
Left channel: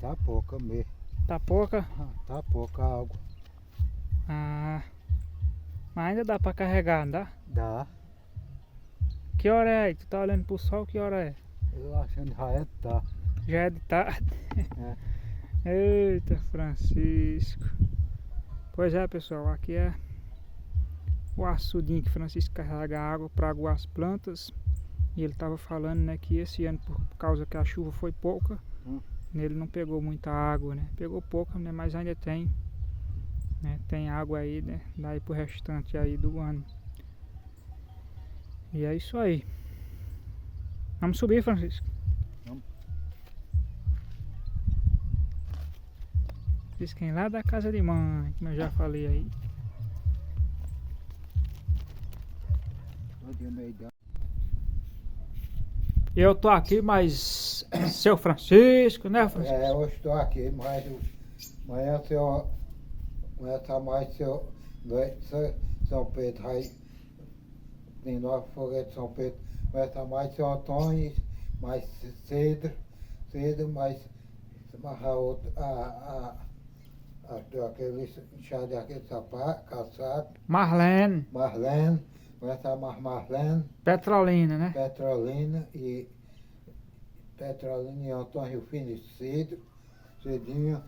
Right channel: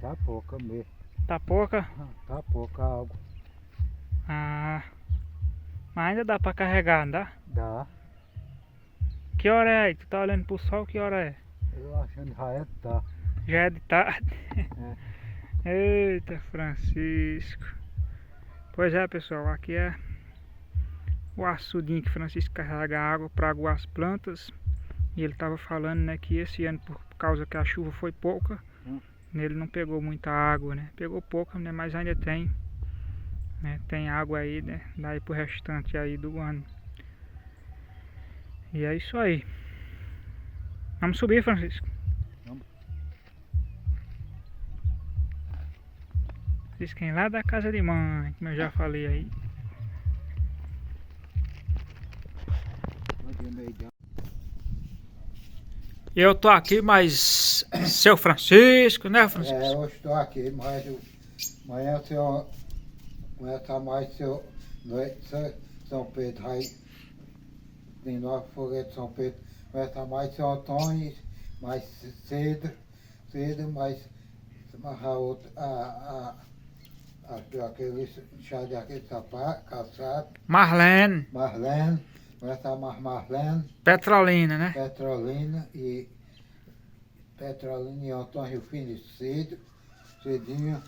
Tá pouca mesmo. Tá pouca? Tá pouca água. Ah, mas ainda dá pra carregar, não dá? Dá. Que hora é aí? Tu tá olhando pro sol, que hora é? Eu achando já é tá. Já é de tarde. Eita, Francisco. Pois é, pessoal, aqui é o açudinho que Francisco carrega água para aguar as plantas. E ele tava falando, né, que esse ano, por causa que a chuva foi pouca, ele não pegou muita água, né? Pegou pouca, né, mas ainda tem, né? Tem água aí, né? Daí pro restante aí do ano. E é isso aí. Vamos subir, Francisco? Vamos. Francisco vem lá da casa de mãe, como eu já falei aí. Eu tô aqui, mas seu Francisco, né, Francisco? É, eu estou aqui, mas amanhã o senhor conhece mais seu São Pedro aí. Tem nove foguetes de São Pedro. Conhece mais seu Antônio, mais cedo, mais a outra, aquele chá de aquele sapato, calçado. Marlene. Marlene, conhece a Marlene. Petrolina, né? Petrolina e Antônio Filho cedinho.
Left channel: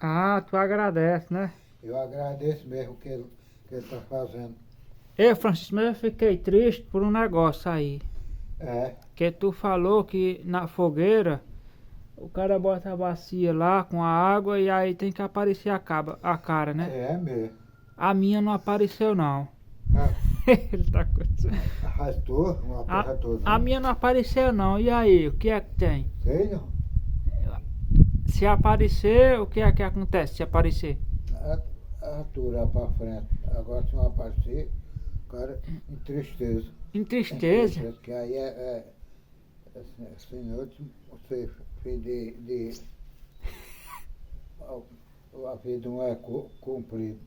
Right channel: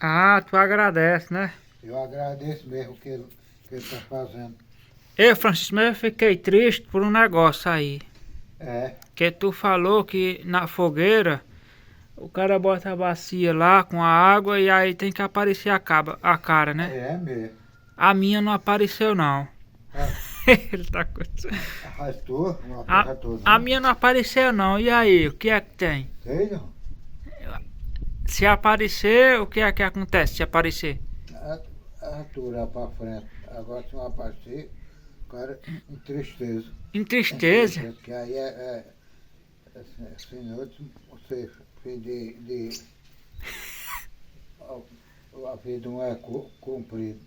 Ah, tu agradece, né? Eu agradeço mesmo o que ele está fazendo. Ei, Francisco, mas eu fiquei triste por um negócio aí. É. Que tu falou que na fogueira o cara bota a bacia lá com a água e aí tem que aparecer a cara, né? É mesmo. A minha não apareceu não. Ele tá com... Arrastou? A minha não apareceu não. E aí, o que é que tem? Sei não. Se aparecer, o que é que acontece se aparecer? Aturar pra frente. Agora se não aparecer, o cara entristeza. Em tristeza. Porque aí assim, você fez a vida não é cumprida.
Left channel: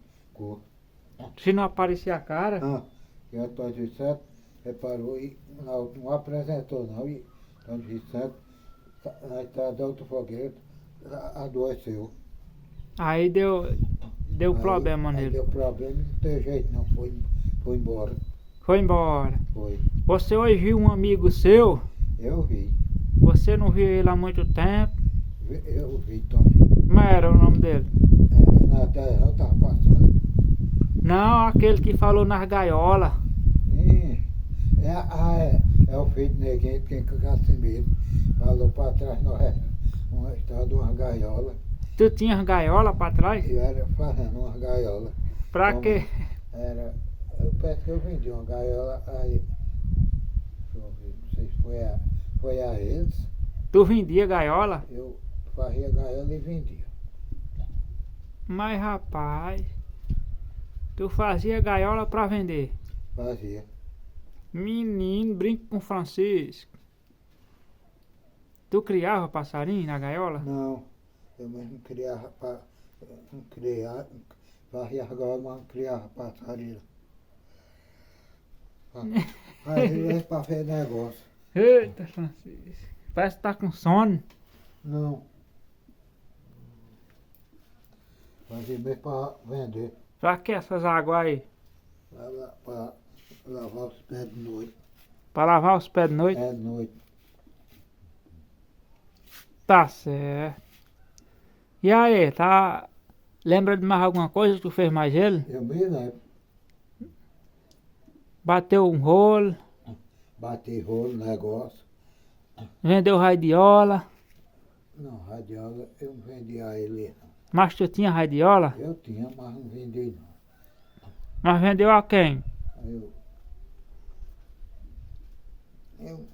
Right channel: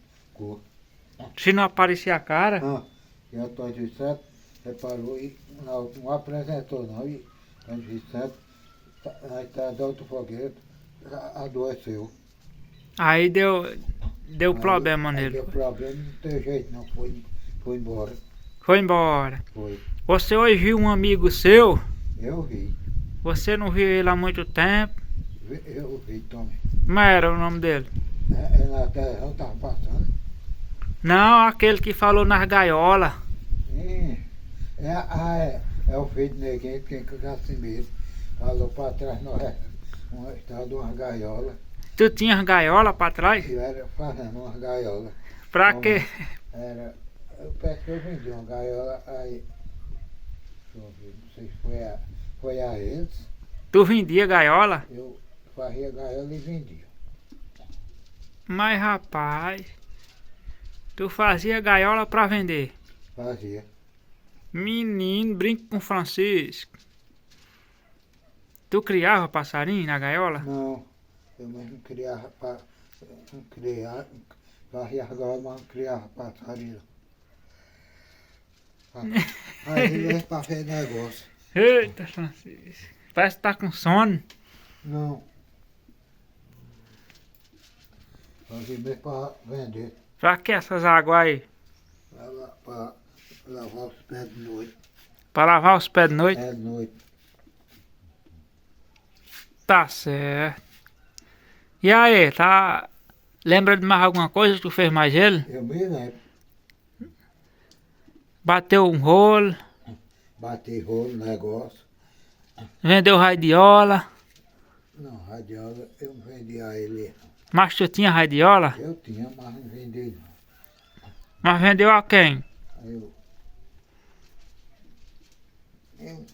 Se não aparecer a cara. Ah, e Antônio Vicente reparou e não apresentou não. E Antônio Vicente, na estrada da Alto Foguete, adoeceu. Aí deu problema Aí nele. deu problema, não tem jeito não, foi embora. Foi embora. Foi. Você hoje viu um amigo seu? Eu vi. Você não viu ele há muito tempo? Eu vi também. Como era o nome dele? Na terra eu tava passando. Não, aquele que falou nas gaiolas. É o filho de Neguinho, quem que assim mesmo. Falou pra trás, nós uma estrada de uma gaiola. Tu tinha gaiola pra trás? Eu era fazendo uma gaiola. Pra Como quê? Eu penso que eu vendi uma gaiola aí. Deixa eu ver, não sei se foi a eles. Tu vendia gaiola? Eu fazia gaiola e vendia. Mas rapaz, tu fazia gaiola pra vender. Fazia. Menino, brinca com Francisco. Tu criava passarinho na gaiola? Não, eu mesmo criava, não criava, fazia gaiola, mas não criava passarinho. Fazia pra fazer negócio. Eita, Francisco. Parece que tá com sono. Não. Fazia mesmo pra vender. Pra que essas águas aí? Pra lavar os pés de noite. Pra lavar os pés de noite? É de noite. Tá certo. E aí, tá... Lembra de mais alguma coisa que tu fez mais ele? Eu me lembro. Bateu um rolo, Bati rolo, negócio. vendeu radiola. Não, radiola eu não vendia a ele. Mas tu tinha radiola? Eu tinha, mas não vendi não. Mas vendeu a quem? Aí eu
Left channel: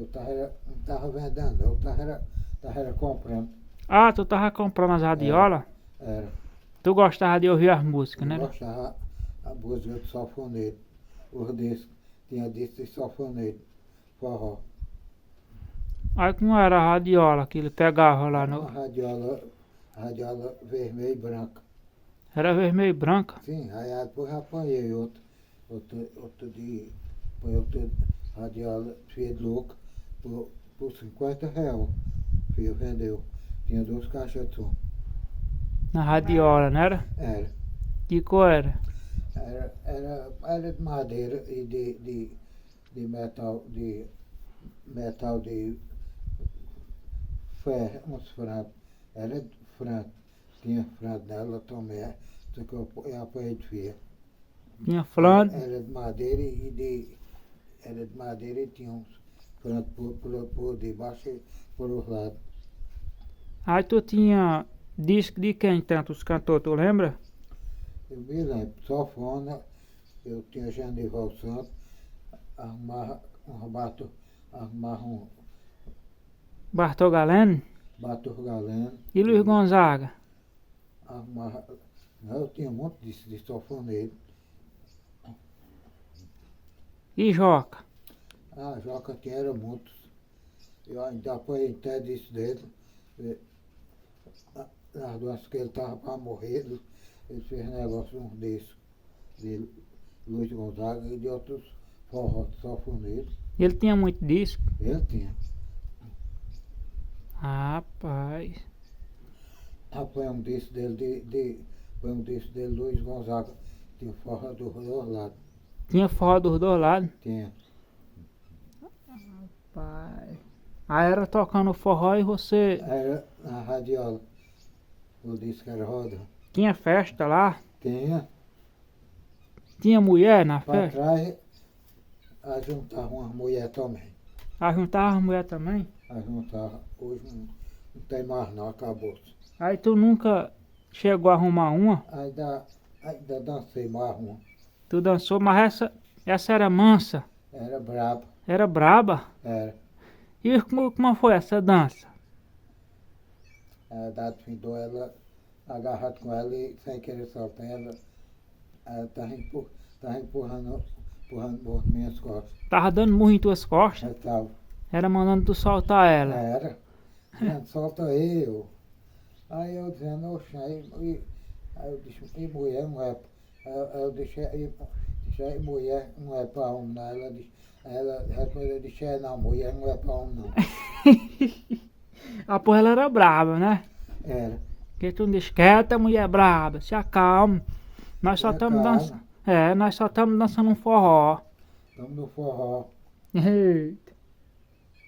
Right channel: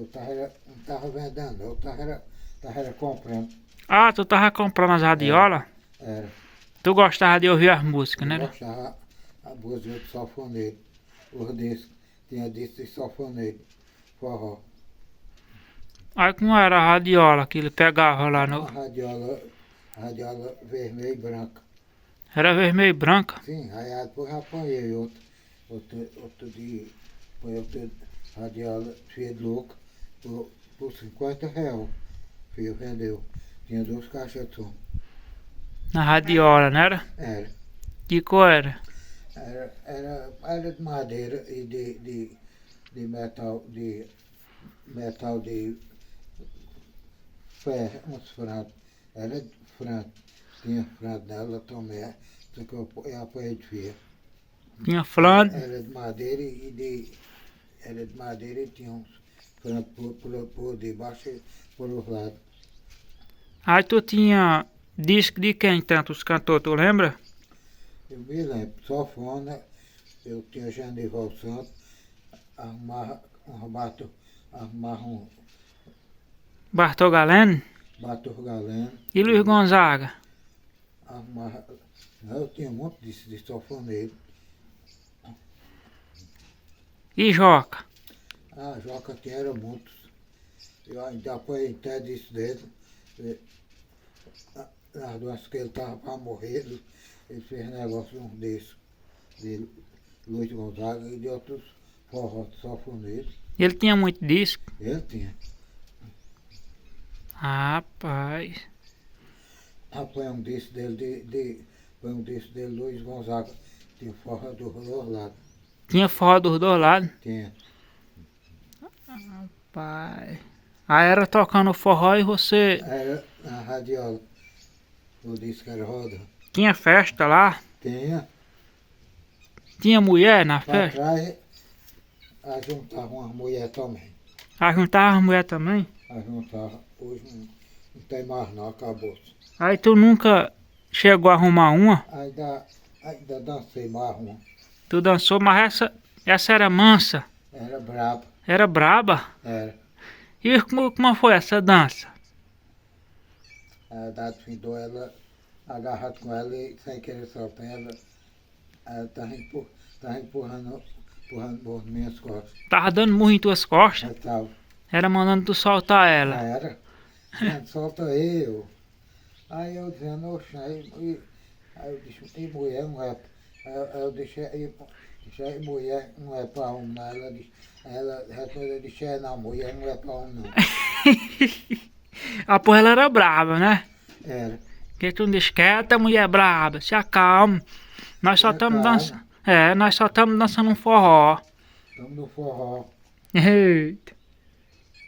não tava vendendo, eu tava comprando. Ah, tu tava comprando as radiolas? Era. Tu gostava de ouvir as músicas, Eu né? gostava a música de sanfoneiro. Os discos, tinha disco de sanfoneiro, forró. Aí como era a radiola que ele pegava lá Uma no... radiola vermelha e branca. Era vermelho e branca. Sim, aí depois eu apanhei outro dia, foi outra radiola cheia de louca, por R$ 50. Filho vendeu. Tinha 2 caixas de som. Na radiola, não era? Era. Que cor era? Era de madeira e de metal de ferro, uns francos. Era de franco. Tinha franco nela também, só que eu apanhei de ferro. Tinha flã. Era de madeira e tinha uns francos por debaixo e por os lados. Aí tu tinha disco de quem tanto os cantores, tu lembra? Eu me lembro, sanfona, eu tinha Genival Santos, arrumava um Bartol Galeno Bator Galeno, e Luiz Gonzaga. arrumava. Não, eu tinha um monte de sanfoneiro. E Joca. Ah, Joca tinha era muitos. Eu ainda apanhei até disso dele. Nas doenças que ele estava para morrer, ele fez negócio um desses, de Luiz Gonzaga e de outros forró sanfoneiros. Ele tinha muito disco. Ele tinha. Rapaz. Foi um disco dele, foi um disco dele, Luiz Gonzaga. Tinha forró dos dois lados. Tinha forró dos dois lados. Tinha. Pai. Aí era tocando forró e você... Era na radiola. O disco era roda. Tinha festa lá? Tinha. Tinha mulher na Pra festa? trás, a juntava uma mulher também. Aí juntava as mulher também? A juntava. Hoje não tem mais não, acabou. Aí tu nunca chegou a arrumar uma? Ainda dancei mais uma. Tu dançou, mas essa era mansa. Era braba. Era braba. Era. E como foi essa dança? A Dado findou ela agarrado com ela e sem querer soltar ela tava empurrando por minhas costas. Tava dando murro em tuas costas. Aí tava. Era mandando tu soltar ela. Era. Dizendo, solta eu. Aí eu dizendo, oxe, aí eu disse, e mulher não é. Aí eu deixei mulher não é pra homem, não. Ela respondeu, eu disse, não, mulher não é pra homem não. Ah, porra, ela era brava, né? Era. Que tu não deixa quieta, mulher braba. Se acalma. Nós só Se estamos acalma. dançando. É, nós só estamos dançando um forró. Estamos no forró. Eita.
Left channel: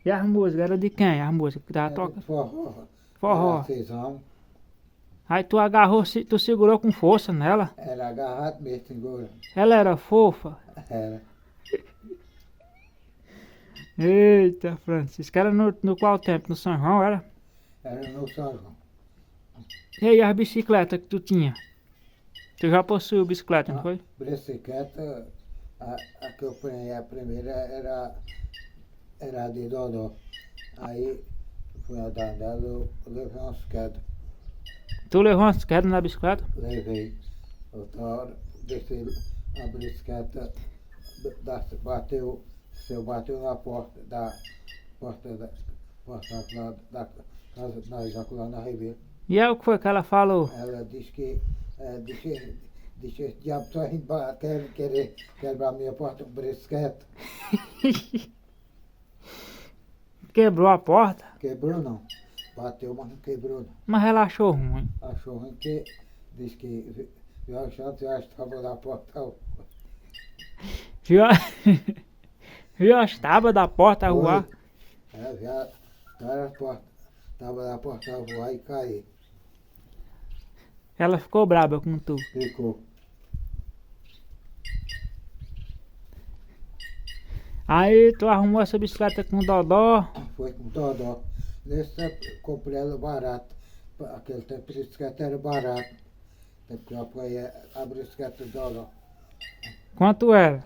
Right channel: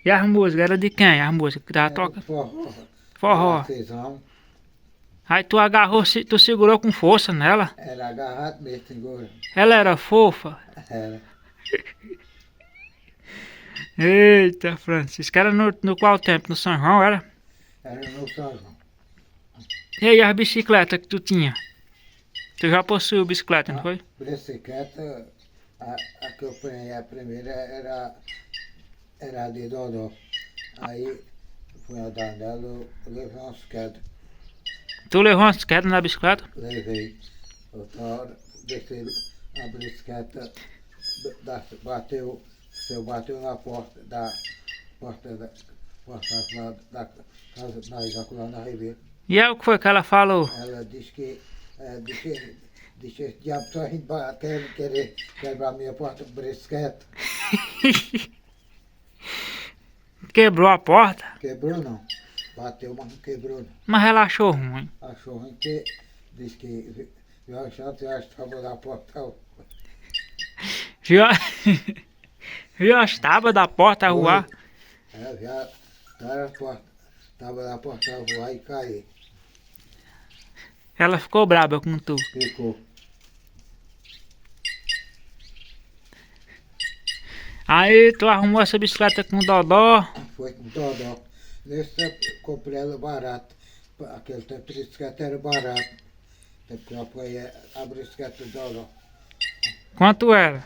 E as músicas? Era de quem? As músicas que tava Era tocando? forró. Forró. Artesão. Aí tu agarrou, tu segurou com força nela. Era agarrado mesmo, segura. Ela era fofa. Era. Eita, Francisco. Era no qual tempo? No São João, era? Era no São João. E aí as bicicletas que tu tinha? Tu já possuiu bicicleta, não foi? Bicicleta, a que eu apanhei a primeira era a de Dodó. Aí fui andar nela, eu levei umas quedas. Tu levou umas quedas na bicicleta? Levei. Outra hora, desci a bicicleta, bateu na porta da casa da Isaac lá na Ribeira. E aí o que foi que ela falou? Ela disse que disse esse diabo está indo querer quebrar minha porta com bicicleta. Quebrou a porta? Quebrou não. Bateu, mas não quebrou não. Mas ela achou ruim. Achou ruim que disse que viu a chance e estava na porta. Viu, viu as tábuas da porta voar? Já estava na porta a voar e cair. Ela ficou braba com tu. Ficou. Aí tu arrumou essa bicicleta com Dodó. Foi com Dodó. Nesse tempo comprei ela barata. Aquele tempo a bicicleta era barata. Tempo que eu apoiei a bicicleta do Dodó. Quanto era?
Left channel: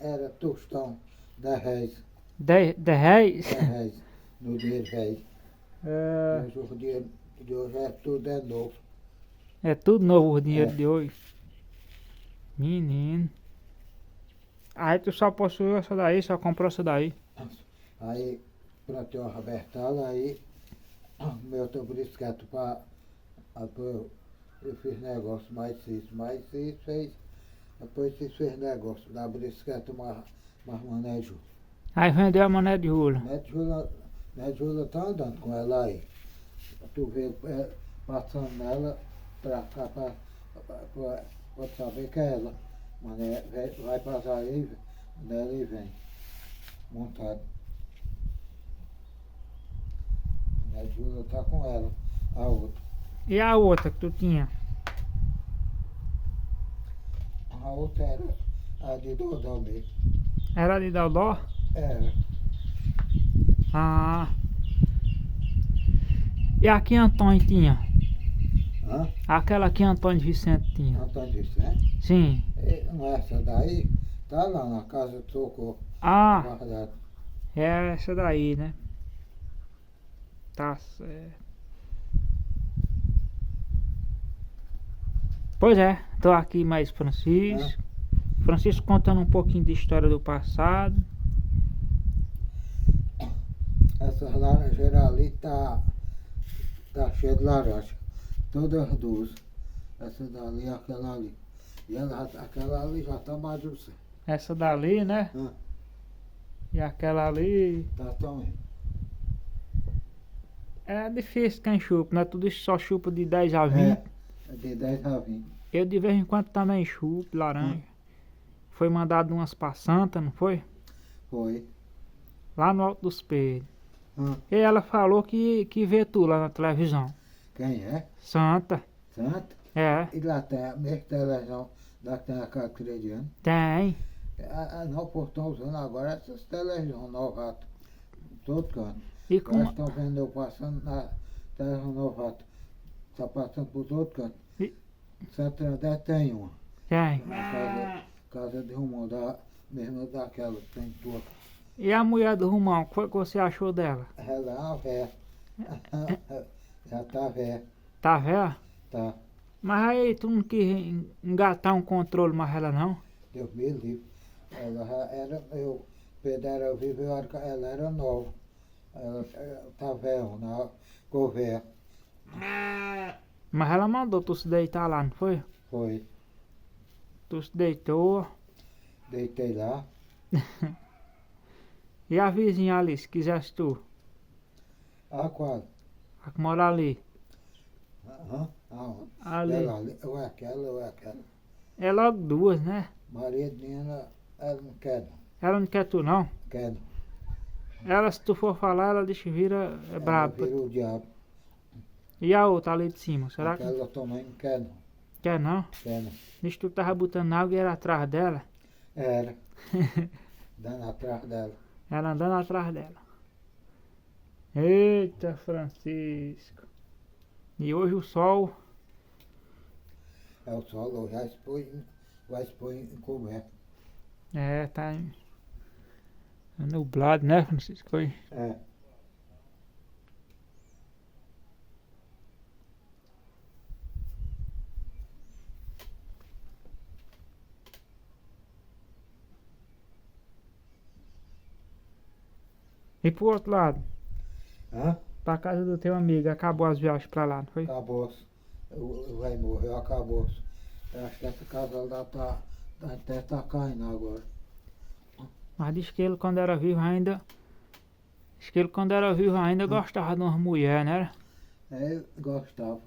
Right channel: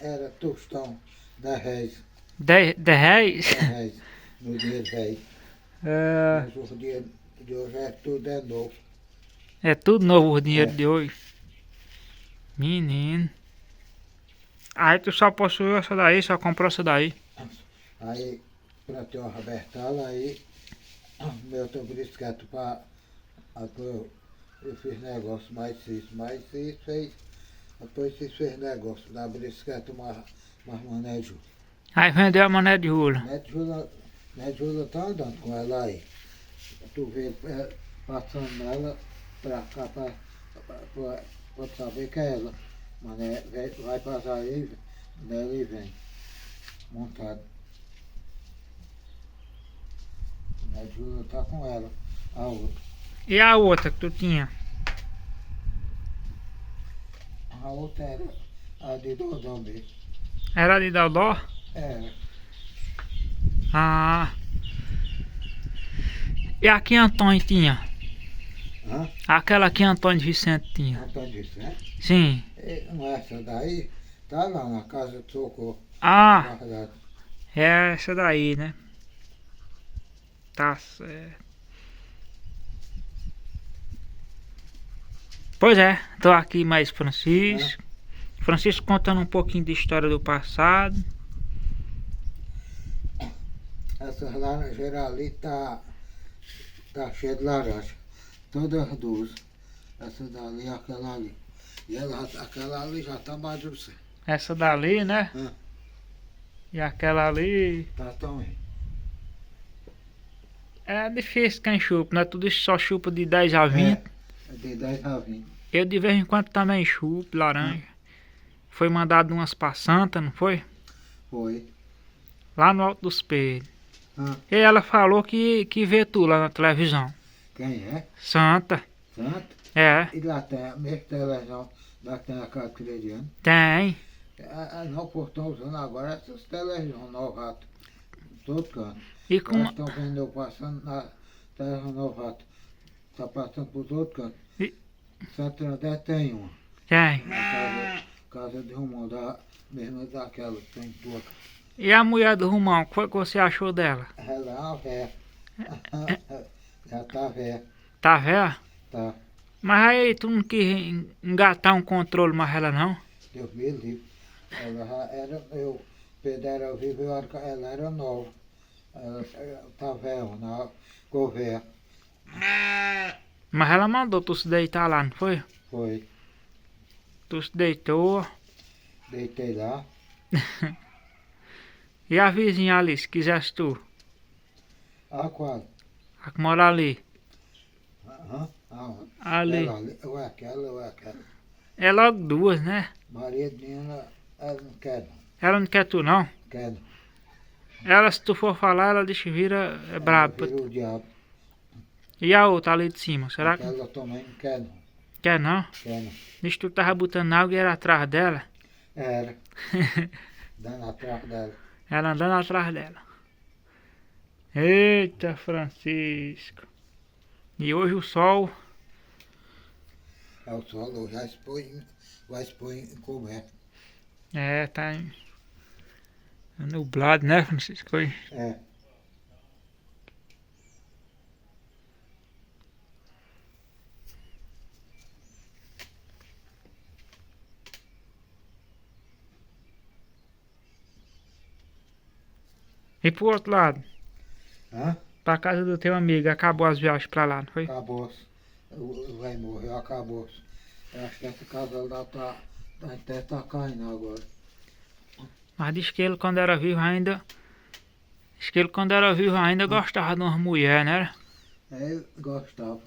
Era tostão, 10 reais. 10 reais? 10 reais no dia velho. É, Mas o dia de hoje é tudo é novo. é tudo novo o dinheiro É. de hoje. Menino. Aí tu só possuiu essa daí, só comprou essa daí. Aí plantei uma rabertala, aí meu bicicleta para. Eu fiz negócio, mais isso fez. Depois fez negócio da bicicleta mais manejo. Aí vendeu a mané de rula. Minha Júlia tá andando com ela aí. Tu vê passando nela pra cá pra saber que é ela. Mas vai passar aí, nela e vem. Montado. Minha Júlia tá com ela, a outra. E a outra que tu tinha? A outra era a de Dodó mesmo. Era de Dodó? Era. Ah. E a que Antônio tinha? Hã? Aquela que Antônio Vicente tinha? Antônio Vicente? Sim. Essa daí tá lá na casa de socorro. Ah, Guardada. é essa daí, né? Tá certo. Pois é, tô aqui mais Francisco. Francisco contando um pouquinho de história do passado. Essas laranjeiras ali tá cheia de laranja. Todas as duas. Essa dali e aquela ali. E aquela ali já tá madurecendo. Essa dali, né? E aquela ali. Tá também. É difícil quem chupa, né? Tudo isso só chupa de 10 a 20. É de 10 a 20. Eu de vez em quando também chupo laranja. Foi mandado umas pra Santa, não foi? Foi. Lá no Alto dos Pedros. Ah, E ela falou que vê tu lá na televisão. quem é? Santa. Santo? É, E lá tem a mesma televisão, lá tem a carteira de ano. tem. Não, por estão usando agora essas televisões novatas. Em todo canto. E com Elas estão vendo eu passando na televisão novata. Está passando por todo canto. E- Santo André tem uma. tem. Na casa de Romão, mesmo daquela que tem boca. E a mulher do Rumão, o que foi que você achou dela? Ela é uma véia. Já tá velha, Tá velha? tá. Mas aí tu não quis engatar um controle mais ela não? Deus me livre. Ela já era, Pedro era vivo, ela era nova. Ela tá velha, na governo. Mas ela mandou tu se deitar lá, não foi? Foi. Tu se deitou. Deitei lá. E a vizinha ali, se quisesse tu? Ah, qual? A que mora ali. Aham. Aonde? Ali. Ela, ou é aquela, ou é aquela. É logo duas, né? Maria Dina, ela não quer não. Ela não quer tu não. Quer não. Ela, se tu for falar, ela diz que vira é braba. Ela virou o diabo. E a outra ali de cima, será que Aquela também não quer não. quer não? Quer não. Diz que tu tava botando água e era atrás dela. Era. Dando atrás dela. Ela andando atrás dela. Eita, Francisco. E hoje o sol É o sol, vai expor em coberto. tá nublado, né, Francisco? Hoje. É. E pro outro lado, Hã? pra casa do teu amigo, acabou as viagens pra lá, não foi? Acabou-se. Vai morrer, acabou-se. Eu acho que essa casa lá até tá caindo agora. Mas diz que ele quando era vivo ainda. Diz que ele quando era vivo ainda gostava de umas mulheres, né? Eu gostava.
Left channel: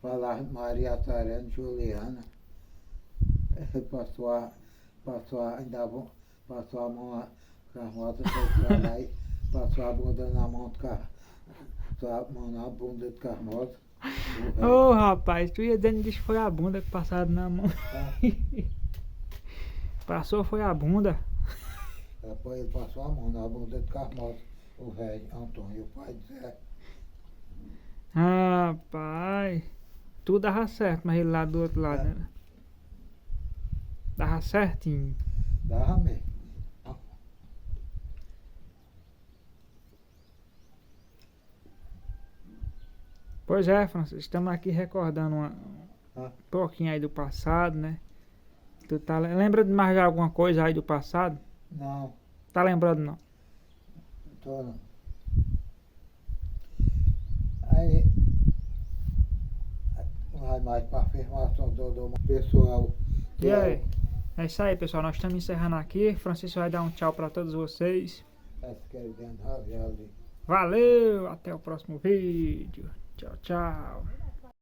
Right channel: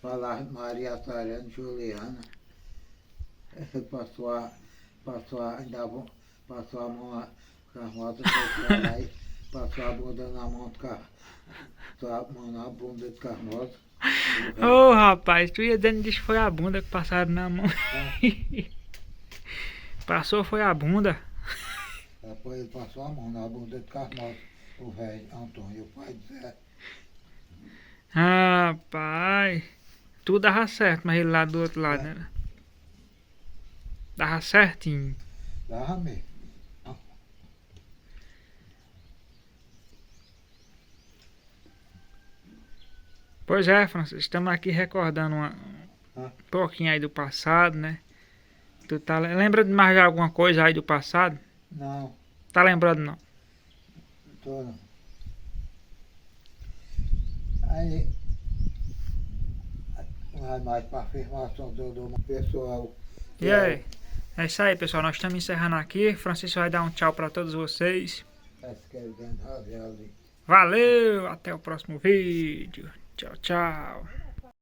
Falava Maria Sarena, Juliana. Ele passou a mão com a moto, foi lá e passou a bunda na mão do carro. Passou a mão na bunda do Carmoso. Ô rapaz, tu ia dizendo que foi a bunda que passaram na mão. Passou foi a bunda. Depois ele passou a mão na bunda do Carmoso, o velho Antônio, o pai do Zé. Rapaz, tudo dava certo, mas ele lá do outro lado, né? Dava certinho. Dava mesmo. Pois é, Francisco, estamos aqui recordando um pouquinho aí do passado, né? Tu tá lembra de mais de alguma coisa aí do passado? Não, Tá lembrando não? tô não. Aí, vai mais para afirmação do pessoal. E aí? É isso aí, pessoal. Nós estamos encerrando aqui. Francisco vai dar um tchau para todos vocês. Valeu, até o próximo vídeo. Tchau, tchau.